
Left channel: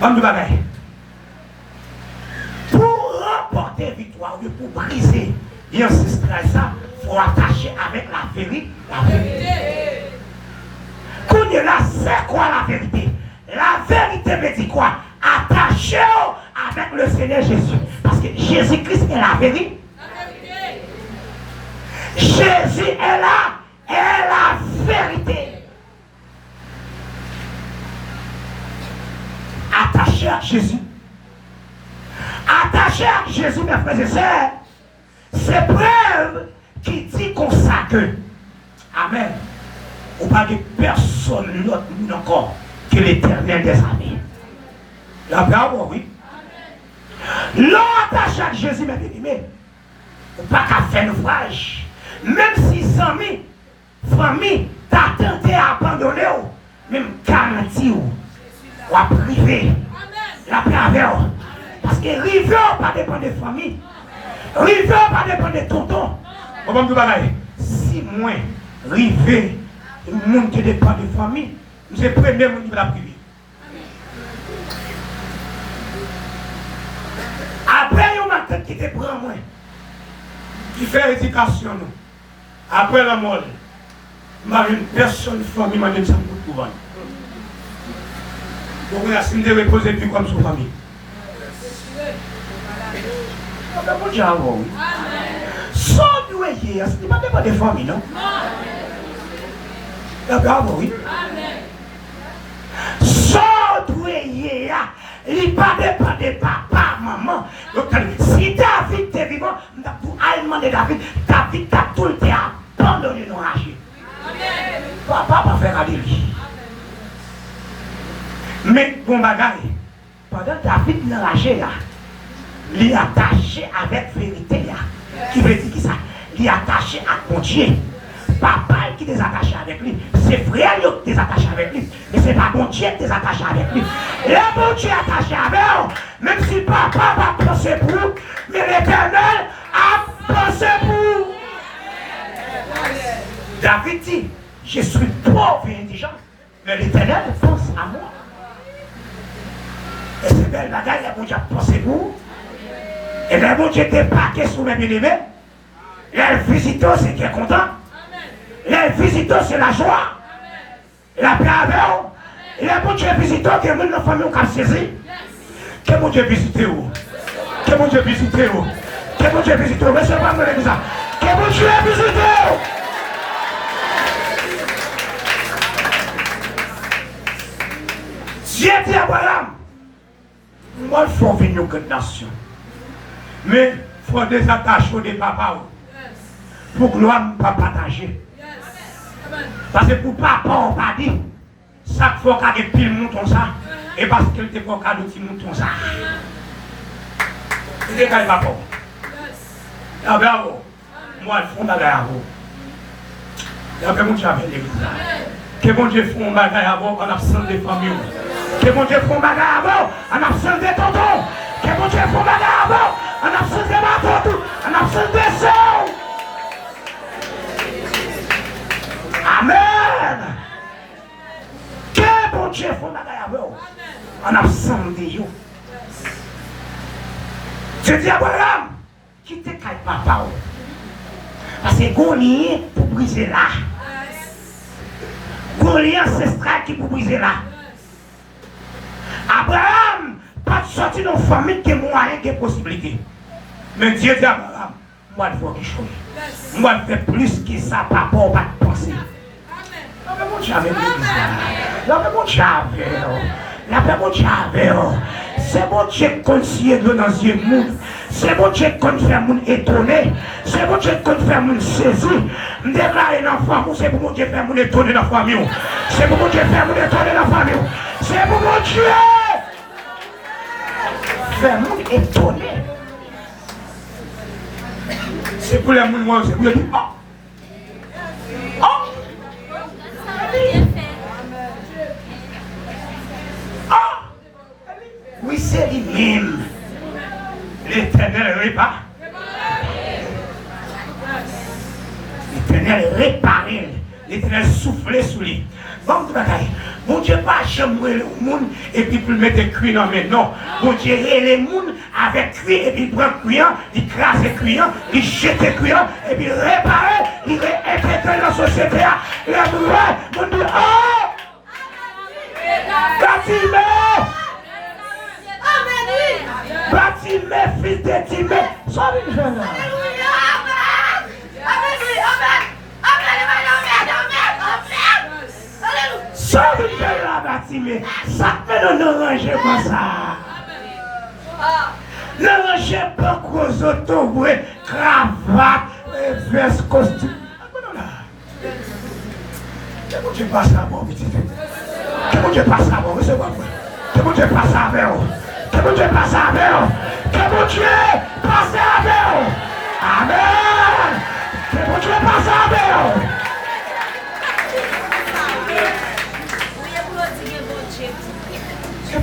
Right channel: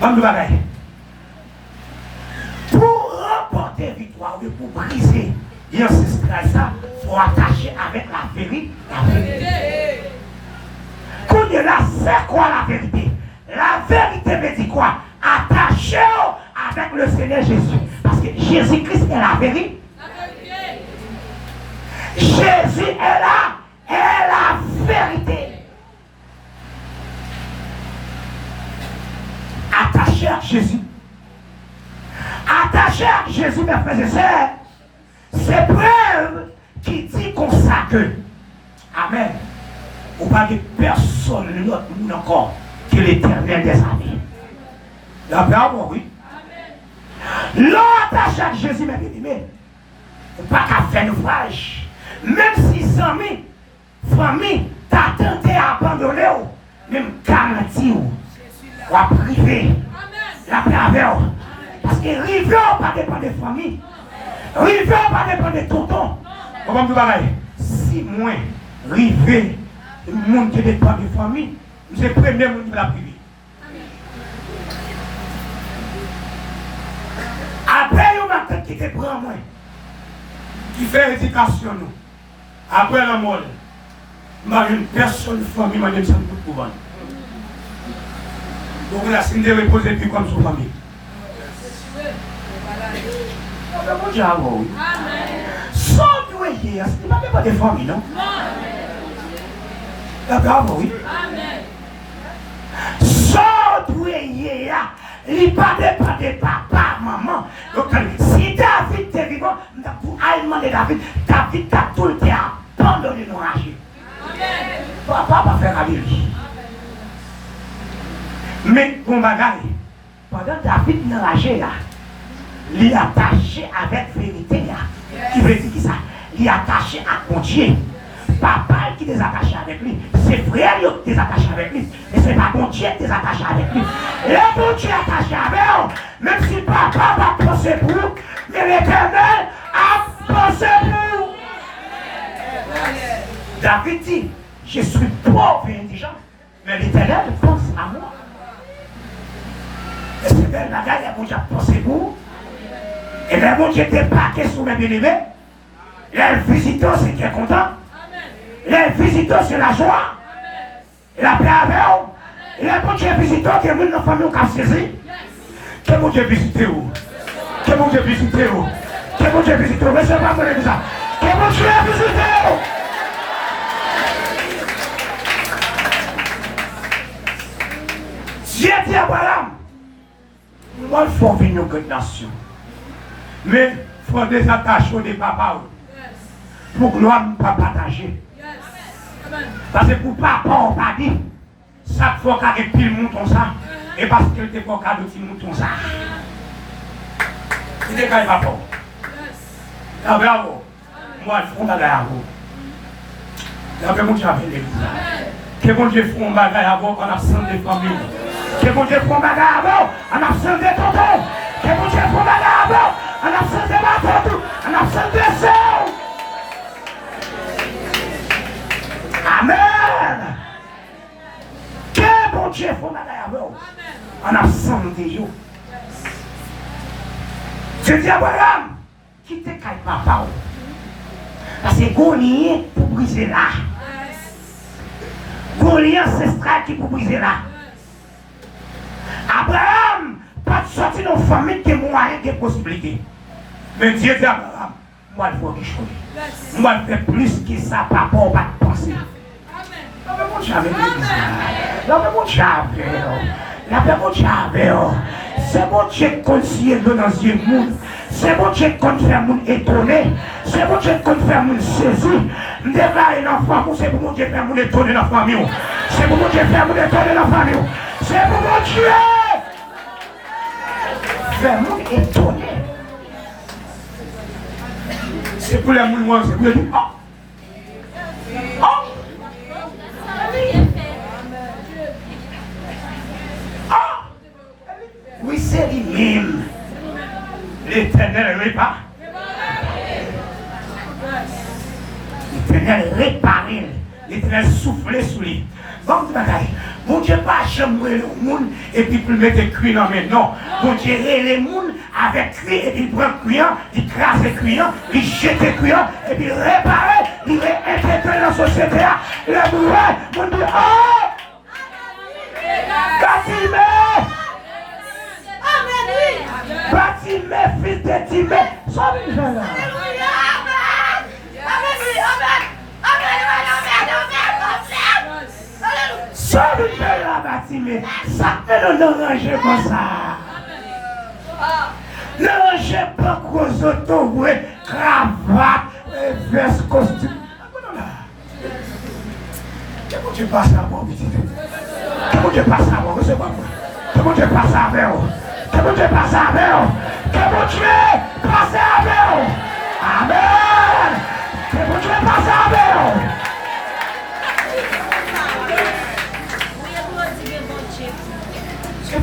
Bonne bagaille. Pour remporter victoire, pour briser l'ancestral, ça, il faut attacher avec la vérité. Quand il y a là, c'est quoi la vérité? La vérité me dit quoi? Attachez avec le Seigneur Jésus. Parce que Jésus-Christ est la vérité. Jésus est là, est la vérité. Attaché à Jésus. Attaché à Jésus, mes frères et sœurs, c'est preuve qui dit comme ça que, amen, ou pas de personne l'autre monde encore que l'Éternel des armées. La parole, oui. L'on attaché à Jésus, mes bien-aimés, ou pas qu'à faire ouvrage, même si amis, famille, t'as tenté à abandonner, même garantie, ou à priver la paix avec eux. Parce que river pas dépend des familles. River pas dépend des tontons. Comment vous bagaille? Si moi, river, le monde qui dépend des familles, c'est le premier monde qui va la priver. Après, il y a une tête qui te prend moi, qui fait l'éducation. Après la mort, une personne famille m'a dit ça pour pouvoir. Donc on a signé de reposer plus comme son famille. Bon Dieu, oui. Sans doyer, ce n'est pas des familles, non? D'accord, oui. Sans doyer, il n'est pas de papa, maman. Donc, si David est vivant, pour aller demander David, David a tout le temps abandonné nos rages. Papa va faire aller lui. Mais, bon bagaille, pendant David n'a ragé là, il est attaché avec vérité là. Qui veut dire ça? Il est attaché à mon Dieu. Papa qui est attaché avec lui, c'est frère qui est attaché avec lui, mais c'est pas mon Dieu qui est attaché avec lui. Le bon Dieu est attaché avec lui, même si papa va penser pour vous, mais l'Éternel a pensé pour vous. David dit, je suis pauvre et indigent, mais l'Éternel pense à moi. Et c'est belle bagarre, le bon Dieu a pensé pour vous. Et le bon Dieu était parqué sur mes bien-aimés. Le visiteur, c'est qui est content. Le visiteur, c'est la joie. Et la paix avec vous. Et le bon Dieu visiteur, que nous, nos familles, on a saisi. Que mon Dieu visite vous. Que mon Dieu visite vous. Que mon Dieu visite vous. Mais c'est pas moi qui dis ça. Que mon Dieu visite vous. Dieu dit à Abraham, moi, il faut venir aux nations. Mais il faut des attaches des papas. Pour que l'homme ne pas partager. Parce que pour papa, on ne pas dit. Chaque fois qu'il y a des piles moutons ça. Et parce qu'il y a des petits moutons ça. C'est pas papa. Là, bravo. Moi, je fais un bagage à vous. Là, que mon Dieu a fait l'église. Que mon Dieu fait un bagage à vous en absence des familles. Que mon Dieu fait un bagage à vous en absence des tontons. Que mon Dieu fait un bagage à vous en absence des matons. En absence des sœurs. Amen. Que bon Dieu fait un bagage à vous en absence de vous. Je dis à Abraham, quittez papa. Parce que Goliath pour briser là. Goliath ancestral qui pour briser là. Abraham, pas de sortir dans la famille qui est moyen, qui est possibilité. Mais Dieu dit à Abraham, moi il faut quelque chose. Moi je fais plus que ça, papa, on va penser. La paix mon Dieu avec la paix mon Dieu avec la paix mon Dieu avec c'est mon Dieu qui conseille dans le monde. C'est mon Dieu qui fait mon étonné. C'est mon Dieu qui fait mon saisi. Déclarer dans la famille, c'est pour mon Dieu faire mon étonné dans la famille. C'est pour mon Dieu faire mon étonné dans la famille. C'est pour mon Dieu faire mon étonné. C'est pour les gens, c'est pour les gens. Oui, c'est lui-même. L'Éternel répare. L'Éternel réparé. L'Éternel soufflé sur lui. Bon, mon Dieu, pas jamais le monde et puis pour mettre des cuits dans mes non. Mon Dieu, les monde avec cuit et puis il prend cuit, il crasse les cuits, il jette les cuits et puis il répare, il réintègre dans la société. Il a dit, mon Dieu, oh! Bâtiment! Bâtiment, fils de Timée, sois une jeune là. Sois une jeune là, Bâtiment. Ça fait nous ranger comme ça. Ne rangez pas gros autos, cravate, veste, costume. Comment tu passes à bon, petit frère? Comment tu passes à bon, c'est pas moi. Comment tu passes à bon? Que mon Dieu passe avec vous. Que mon Dieu passe avec vous. Amen. Que mon Dieu passe avec vous.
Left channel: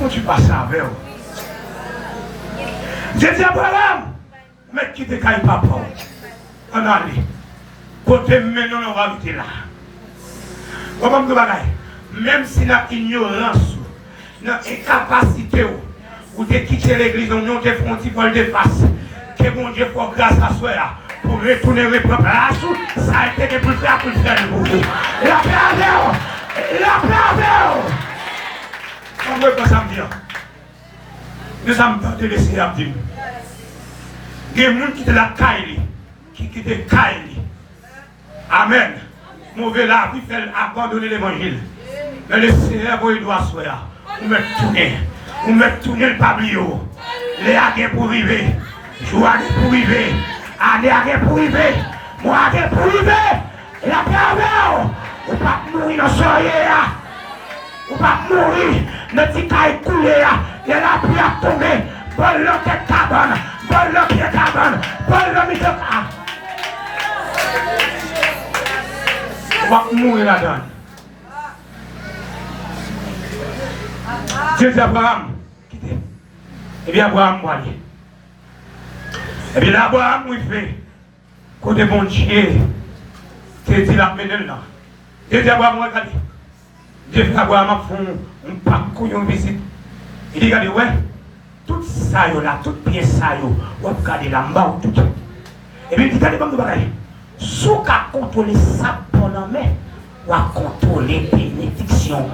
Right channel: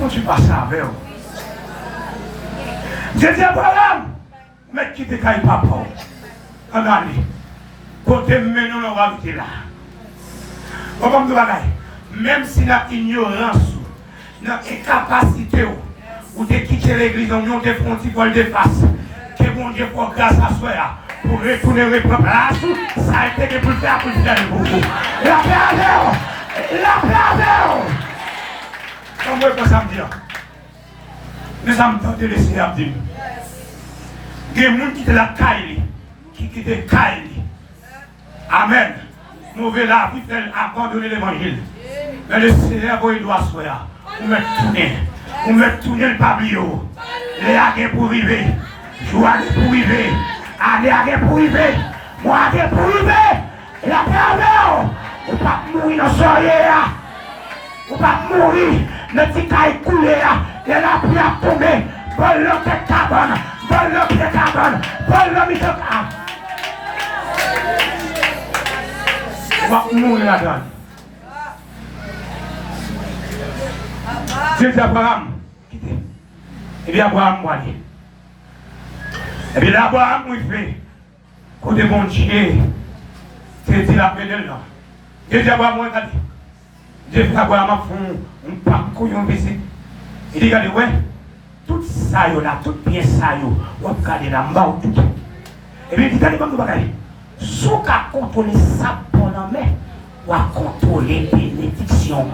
tu passes avec eux. J'ai dit à Abraham, mais qui te caille papa. En allée. Côté maintenant, on va rester là. Comment vous voyez? Même si la ignorance, l'incapacité, ou de quitter l'église, on te fait un petit vol de face. Que bon Dieu pour grâce à soi, pour retourner le peuple à la ça a été pour faire pour vous. La paix avec vous. La paix avec vous. Comment vous ça me dire? Nous avons tenté de laisser à dire. Il y a des gens qui étaient la caille, qui quittent caille. Amen. Mauvais la vie fait abandonner l'évangile. Mais le Seigneur, il doit se faire. Vous me tournez. Vous me tournez le pabliot. Les aguets pour vivre. Joie pour vivre. Année aguets pour vivre. Moi aguets pour vivre. Et la pervers. Vous ne pouvez pas mourir dans ce soirée. Vous ne pouvez pas mourir. Le petit cas est coulé. Et la pluie a tombé. Bon l'homme qui est cabane. Bon l'homme qui est cabane. Bon l'homme qui est cabane. On va mourir là-dedans. Dieu dit Abraham, quittez. Et bien Abraham va aller. Et bien Abraham, il fait. Côté mon Dieu, c'est dit la pédale là. Dieu dit Abraham, regardez. Dieu fait Abraham un parcours, une visite. Il dit, regardez, ouais, tout ça là, tout bien ça, on va regarder là-bas ou tout. Et bien il dit, regardez, comme vous voyez. Si vous contrôlez ça pendant mai, vous contrôler bénédiction.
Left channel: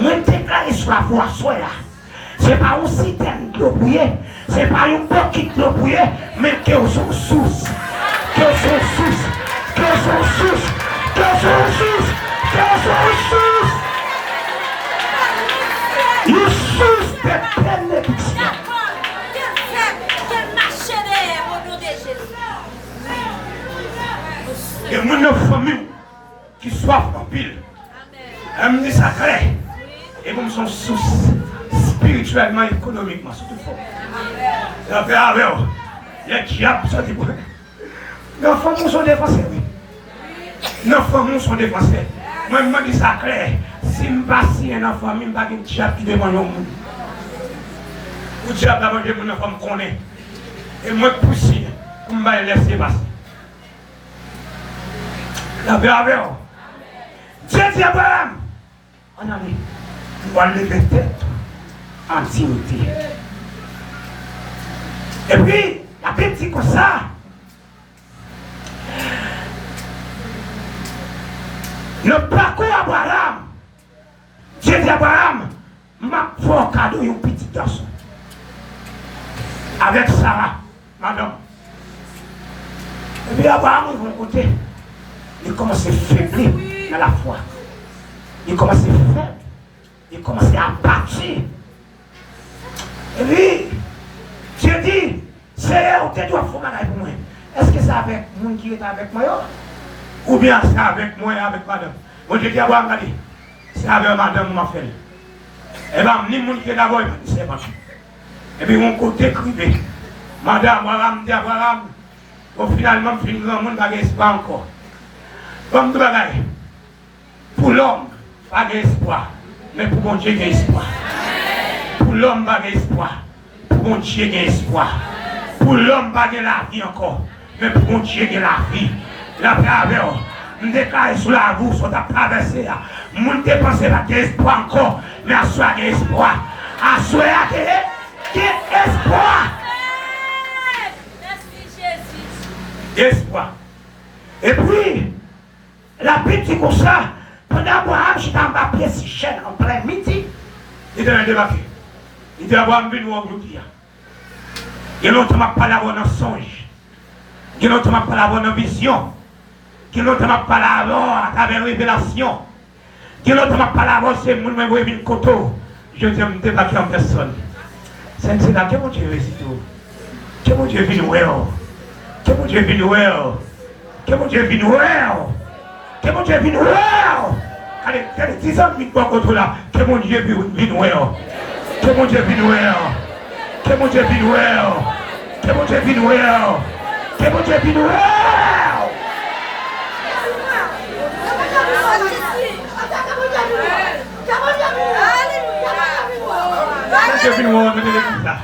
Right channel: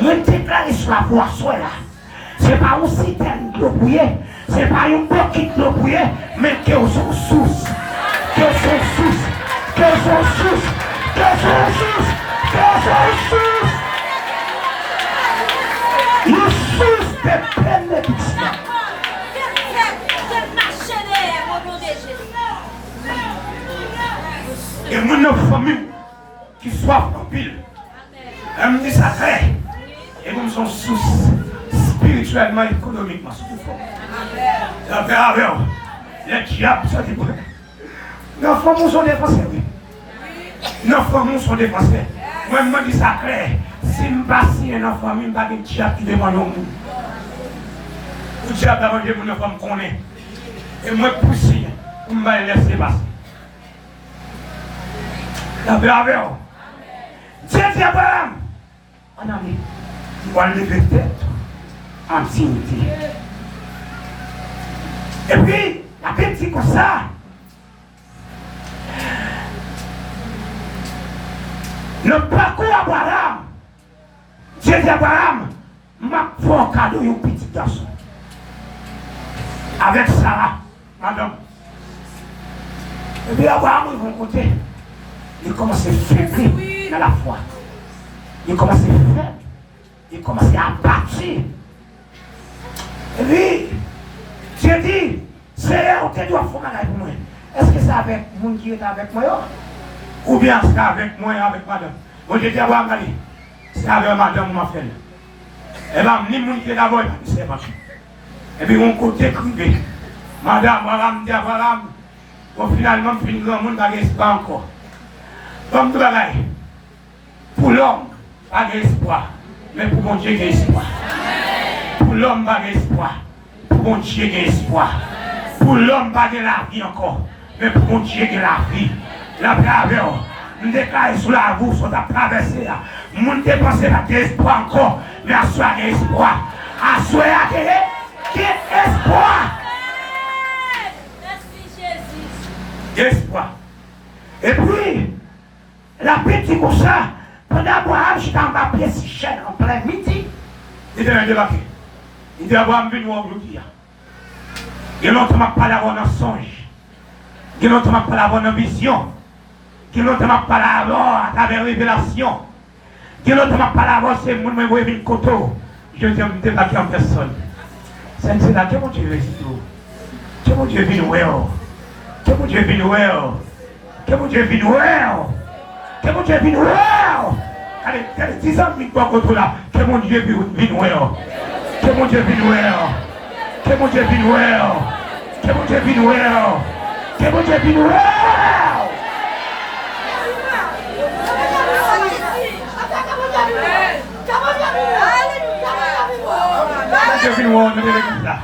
Moi, je déclare sur la voie là. Ce n'est pas un citerne de l'eau bouillée, ce n'est pas une coquille de l'eau bouillée, mais que son source. Que son source. Que son source. Que son source. Que son source. Une source de bénédiction. Et mon famille qui soit en pile, elle me dit sacré, et comme son source spirituellement, économiquement, surtout fort. La paix avec les diables sont des nos femmes sont défoncés, oui. Nos femmes sont défoncés. Moi, je me dis sacré, si je ne passe pas dans la famille, je ne vais pas diable qui demande au monde. Le diable a demandé mon femme connaît. Et moi, je pousse, je vais laisser passer. La paix avec vous. Dieu dit Abraham, on allait, on va lever tête en dignité. Et puis, la Bible dit comme ça. Le parcours Abraham, Dieu dit Abraham, m'a fait un cadeau à un petit garçon. Avec Sarah, madame. Et puis Abraham, de mon côté, il commence à faiblir dans la foi. Il commence à faire. Il commence à partir. Et puis, Dieu dit, Seigneur, tu dois faire un pour moi. Est-ce que c'est avec le monde qui est avec moi? Ou bien c'est avec moi et avec madame? Bon, je dis à Abraham, c'est avec madame m'a fait. Et bien, ni le monde qui est d'abord, c'est pas. Et puis, mon côté crivé. Madame, Abraham dit Abraham, au finalement, je finis grand monde, il n'y a pas encore. Comme tout le monde, pour l'homme, pas d'espoir, mais pour mon Dieu, il y a espoir. Pour l'homme, pas d'espoir, pour mon Dieu, il y a espoir. Pour l'homme, pas de la vie encore, mais pour mon Dieu, il y a la vie. La travers, je déclare sur la route, sur la traversée. Je ne dépense pas d'espoir encore, mais à soi, il y a espoir. À soi, il y a espoir. Espoir. Et puis, la petite comme ça, pendant Abraham, j'étais en bas pied si cher, en plein midi, il devait débarquer. Il dit Abraham, viens voir aujourd'hui. Il y a longtemps que je parle avant un songe. Il y a longtemps que je parle avant une vision. Il y a longtemps que je parle avant à travers une révélation. Il y a longtemps que je parle avant ces gens qui m'ont une coteau. Je dis, je me débarquer en personne. C'est là que mon Dieu est ici. Que mon Dieu vient voir. Que mon Dieu vient voir. Que mon Dieu vient voir. Que mon Dieu vient voir. Allez, 10 ans qui sont contre là. Que mon Dieu vient voir. Que mon Dieu vient voir. Que mon Dieu vient voir. Que mon Dieu vient voir. Que mon Dieu vient voir. Dieu vienne nous ordonner l'église là.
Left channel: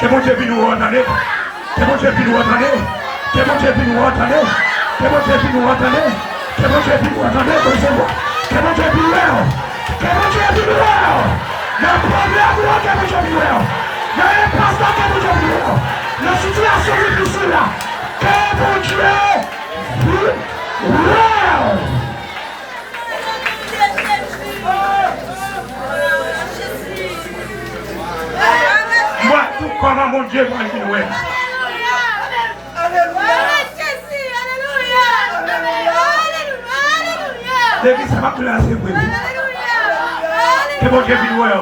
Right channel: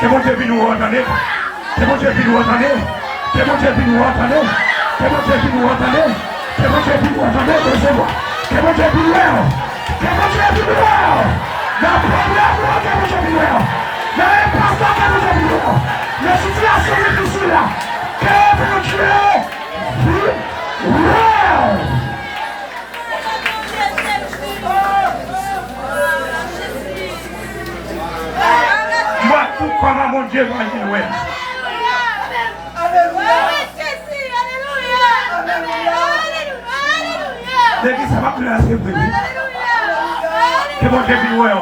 Que mon Dieu vienne nous ordonner. Que mon Dieu vienne nous ordonner. Que mon Dieu vienne nous ordonner. Que mon Dieu vienne nous ordonner. Que mon Dieu vienne nous ordonner. Que mon Dieu vienne nous ordonner. Que mon Dieu vienne nous ordonner. Le problème, que mon Dieu vienne nous ordonner. L'impasse, que mon Dieu vienne nous ordonner. La situation difficile là. Que mon Dieu vienne nous ordonner. Moi, tout comment mon Dieu va dire, ouais. Depuis ça va plus assez pour lui. Que mon Dieu vienne, ouais.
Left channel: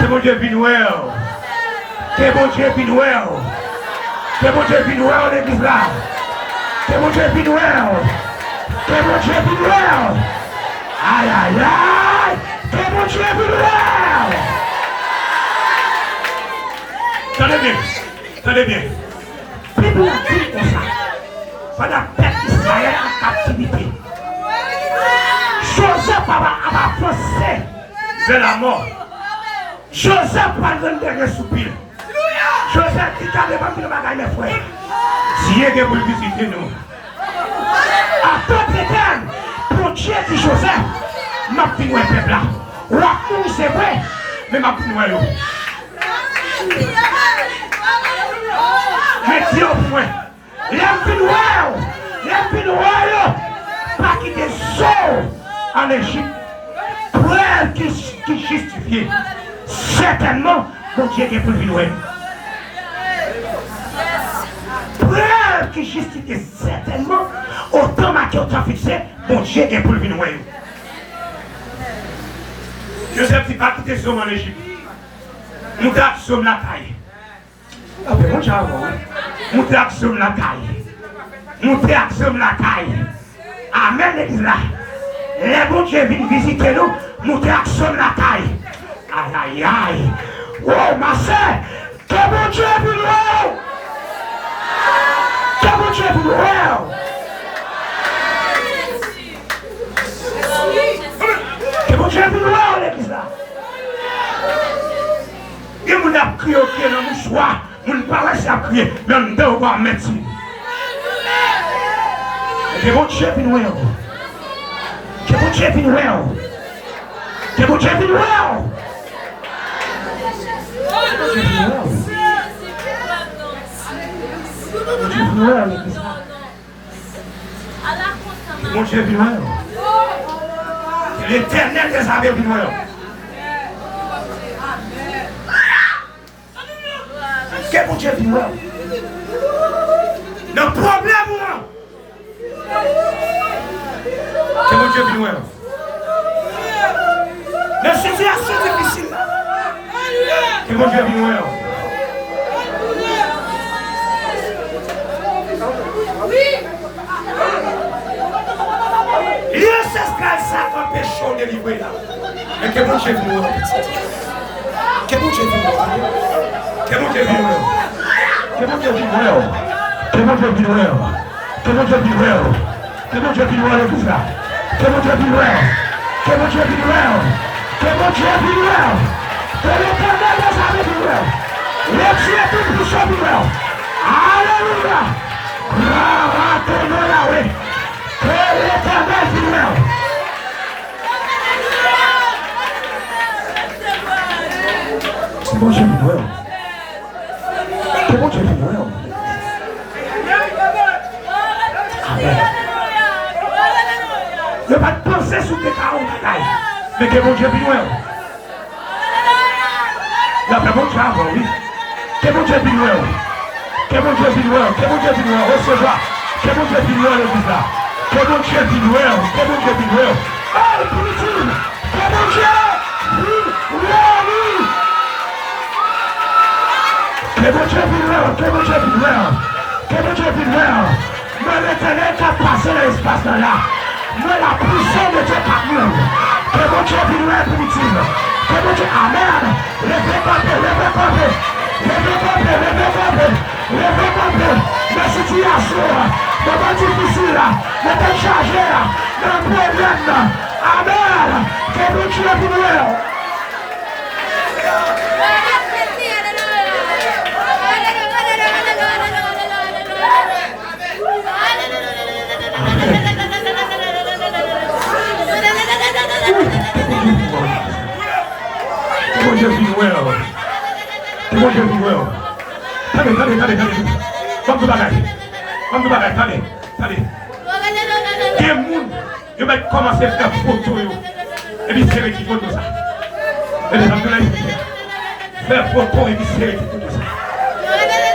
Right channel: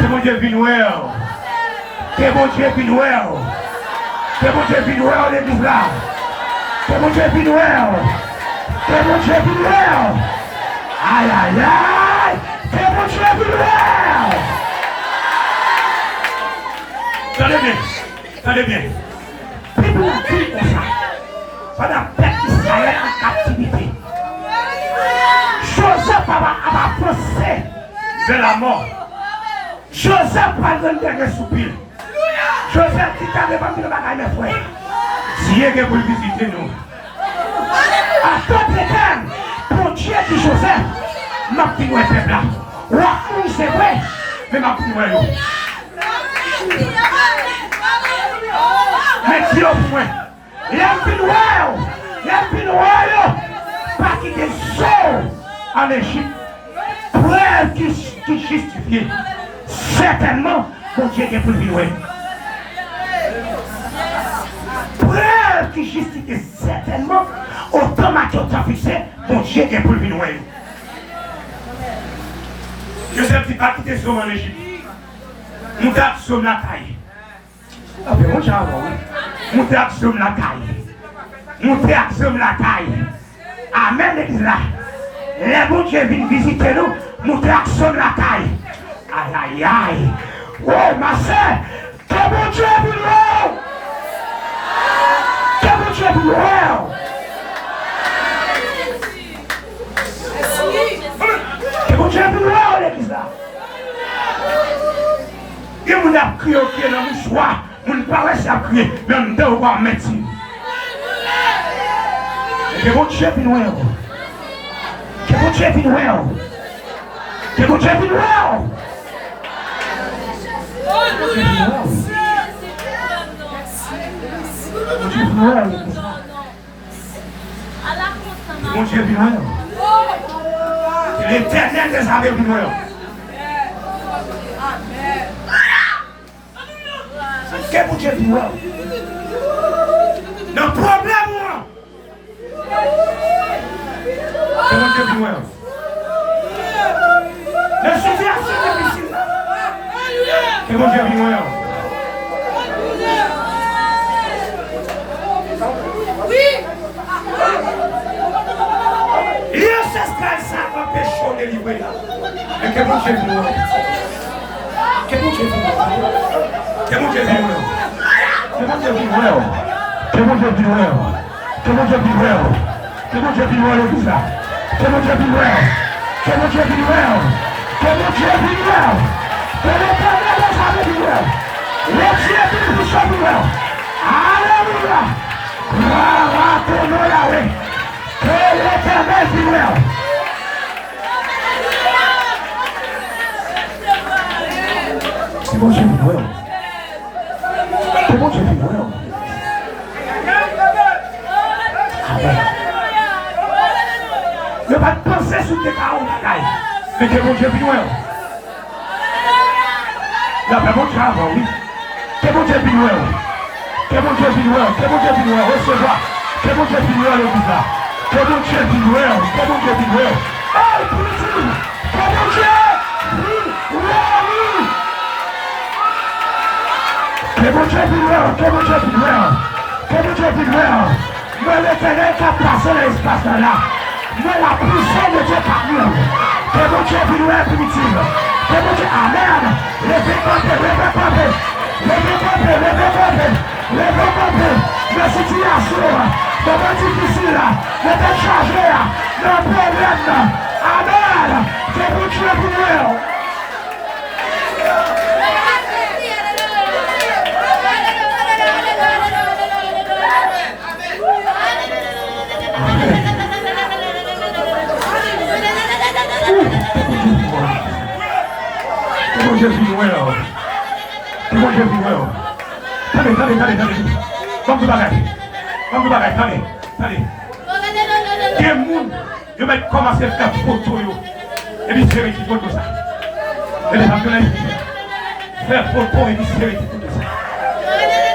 Que mon Dieu vienne, ouais. Que mon Dieu vienne, ouais. Que mon Dieu vienne, ouais, l'église là. Que mon Dieu vienne, ouais. Que mon Dieu vienne, ouais. Aïe, aïe, aïe. Que mon Dieu vienne, ouais. Tenez bien, tenez bien. Bible dit comme ça. Pendant peuple d'Israël en captivité, Joseph a pensé de la mort. Joseph a donné des soupirs. Joseph dit qu'à l'époque de bagaille mes frères. Si est pour visiter nous. À tout l'éternel, pour Dieu dit Joseph, m'a pris un peuple là. Oui, c'est vrai, mais m'a pris un. Mais Dieu au point. Il y a un peu noir, pas quitter Saul en Égypte. Preuve qui justifie. Certainement, mon Dieu est pour lui. Preuve qui justifie certainement, autant ma autant fixé, mon Dieu est pour lui. Joseph n'a pas quitté Saul en Égypte. Nous avons la caille. Ah ben mon chavo, nous avons la caille. Nous avons la caille. Amen l'église là. Les bons Dieu viennent visiter nous, nous avons la caille. Aïe aïe aïe. Oh ma soeur, que mon Dieu vienne là. Que mon Dieu vienne là. Que mon Dieu vienne là l'église là. Et on a crié au pied dans le mouchoir, on ne parle pas à crier, mais on doit voir médecine. Que mon Dieu vienne voir. Que mon Dieu vienne voir. Que mon Dieu vienne voir. Que mon Dieu vienne voir. Que l'éternel des armées vienne voir. Que mon Dieu vienne voir. Le problème, moi. Que mon Dieu vienne voir. Le situation difficile. Que mon Dieu vienne voir. Il y a ancestral ça va pécher de livrer là. Mais que mon Dieu vienne voir. Que mon Dieu vienne voir. Que mon Dieu vienne voir. Que mon Dieu vienne voir. Que mon Dieu vienne voir. Que mon Dieu vienne voir. Que mon Dieu vienne voir le visa. Que mon Dieu vienne voir. Que mon Dieu vienne voir. Que mon Dieu vienne voir. Que l'éternel des armées vienne voir. Le Dieu vienne voir. Alléluia. Retournez là, oui. Que l'éternel vienne voir. Que mon Dieu vienne voir. Que mon Dieu vienne voir. Amen. Ne pas penser sur tes paroles, mais que mon Dieu vienne voir. La mon Dieu avant, oui. Que mon Dieu vienne voir. Que mon Dieu vienne voir. Que mon Dieu vienne voir. Recevoir. Que mon Dieu vienne voir le visa. Que mon Dieu vienne voir. Que mon Dieu vienne voir. Oh, politique. Que mon Dieu vienne voir. Que mon Dieu vienne voir. Que mon Dieu vienne voir. Que mon Dieu vienne voir. Moi, l'éternel qui a passé l'espace là. Moi, la puissance de Dieu par nous. Que mon Dieu vienne voir primitive. Que mon Dieu, amen. Levez camper, levez camper. Levez camper, levez camper. Levez camper. La situation, moment difficile, le déchargé, le problème. Amen. Que mon Dieu vienne voir. Mon Dieu vit well. Mon Dieu vit well. Allez. Comme vous allez. Allez. Des gens, ils vont commencer à faire photo. Et puis c'est des photos ça. Et les gens faire photo et puis c'est des photos ça.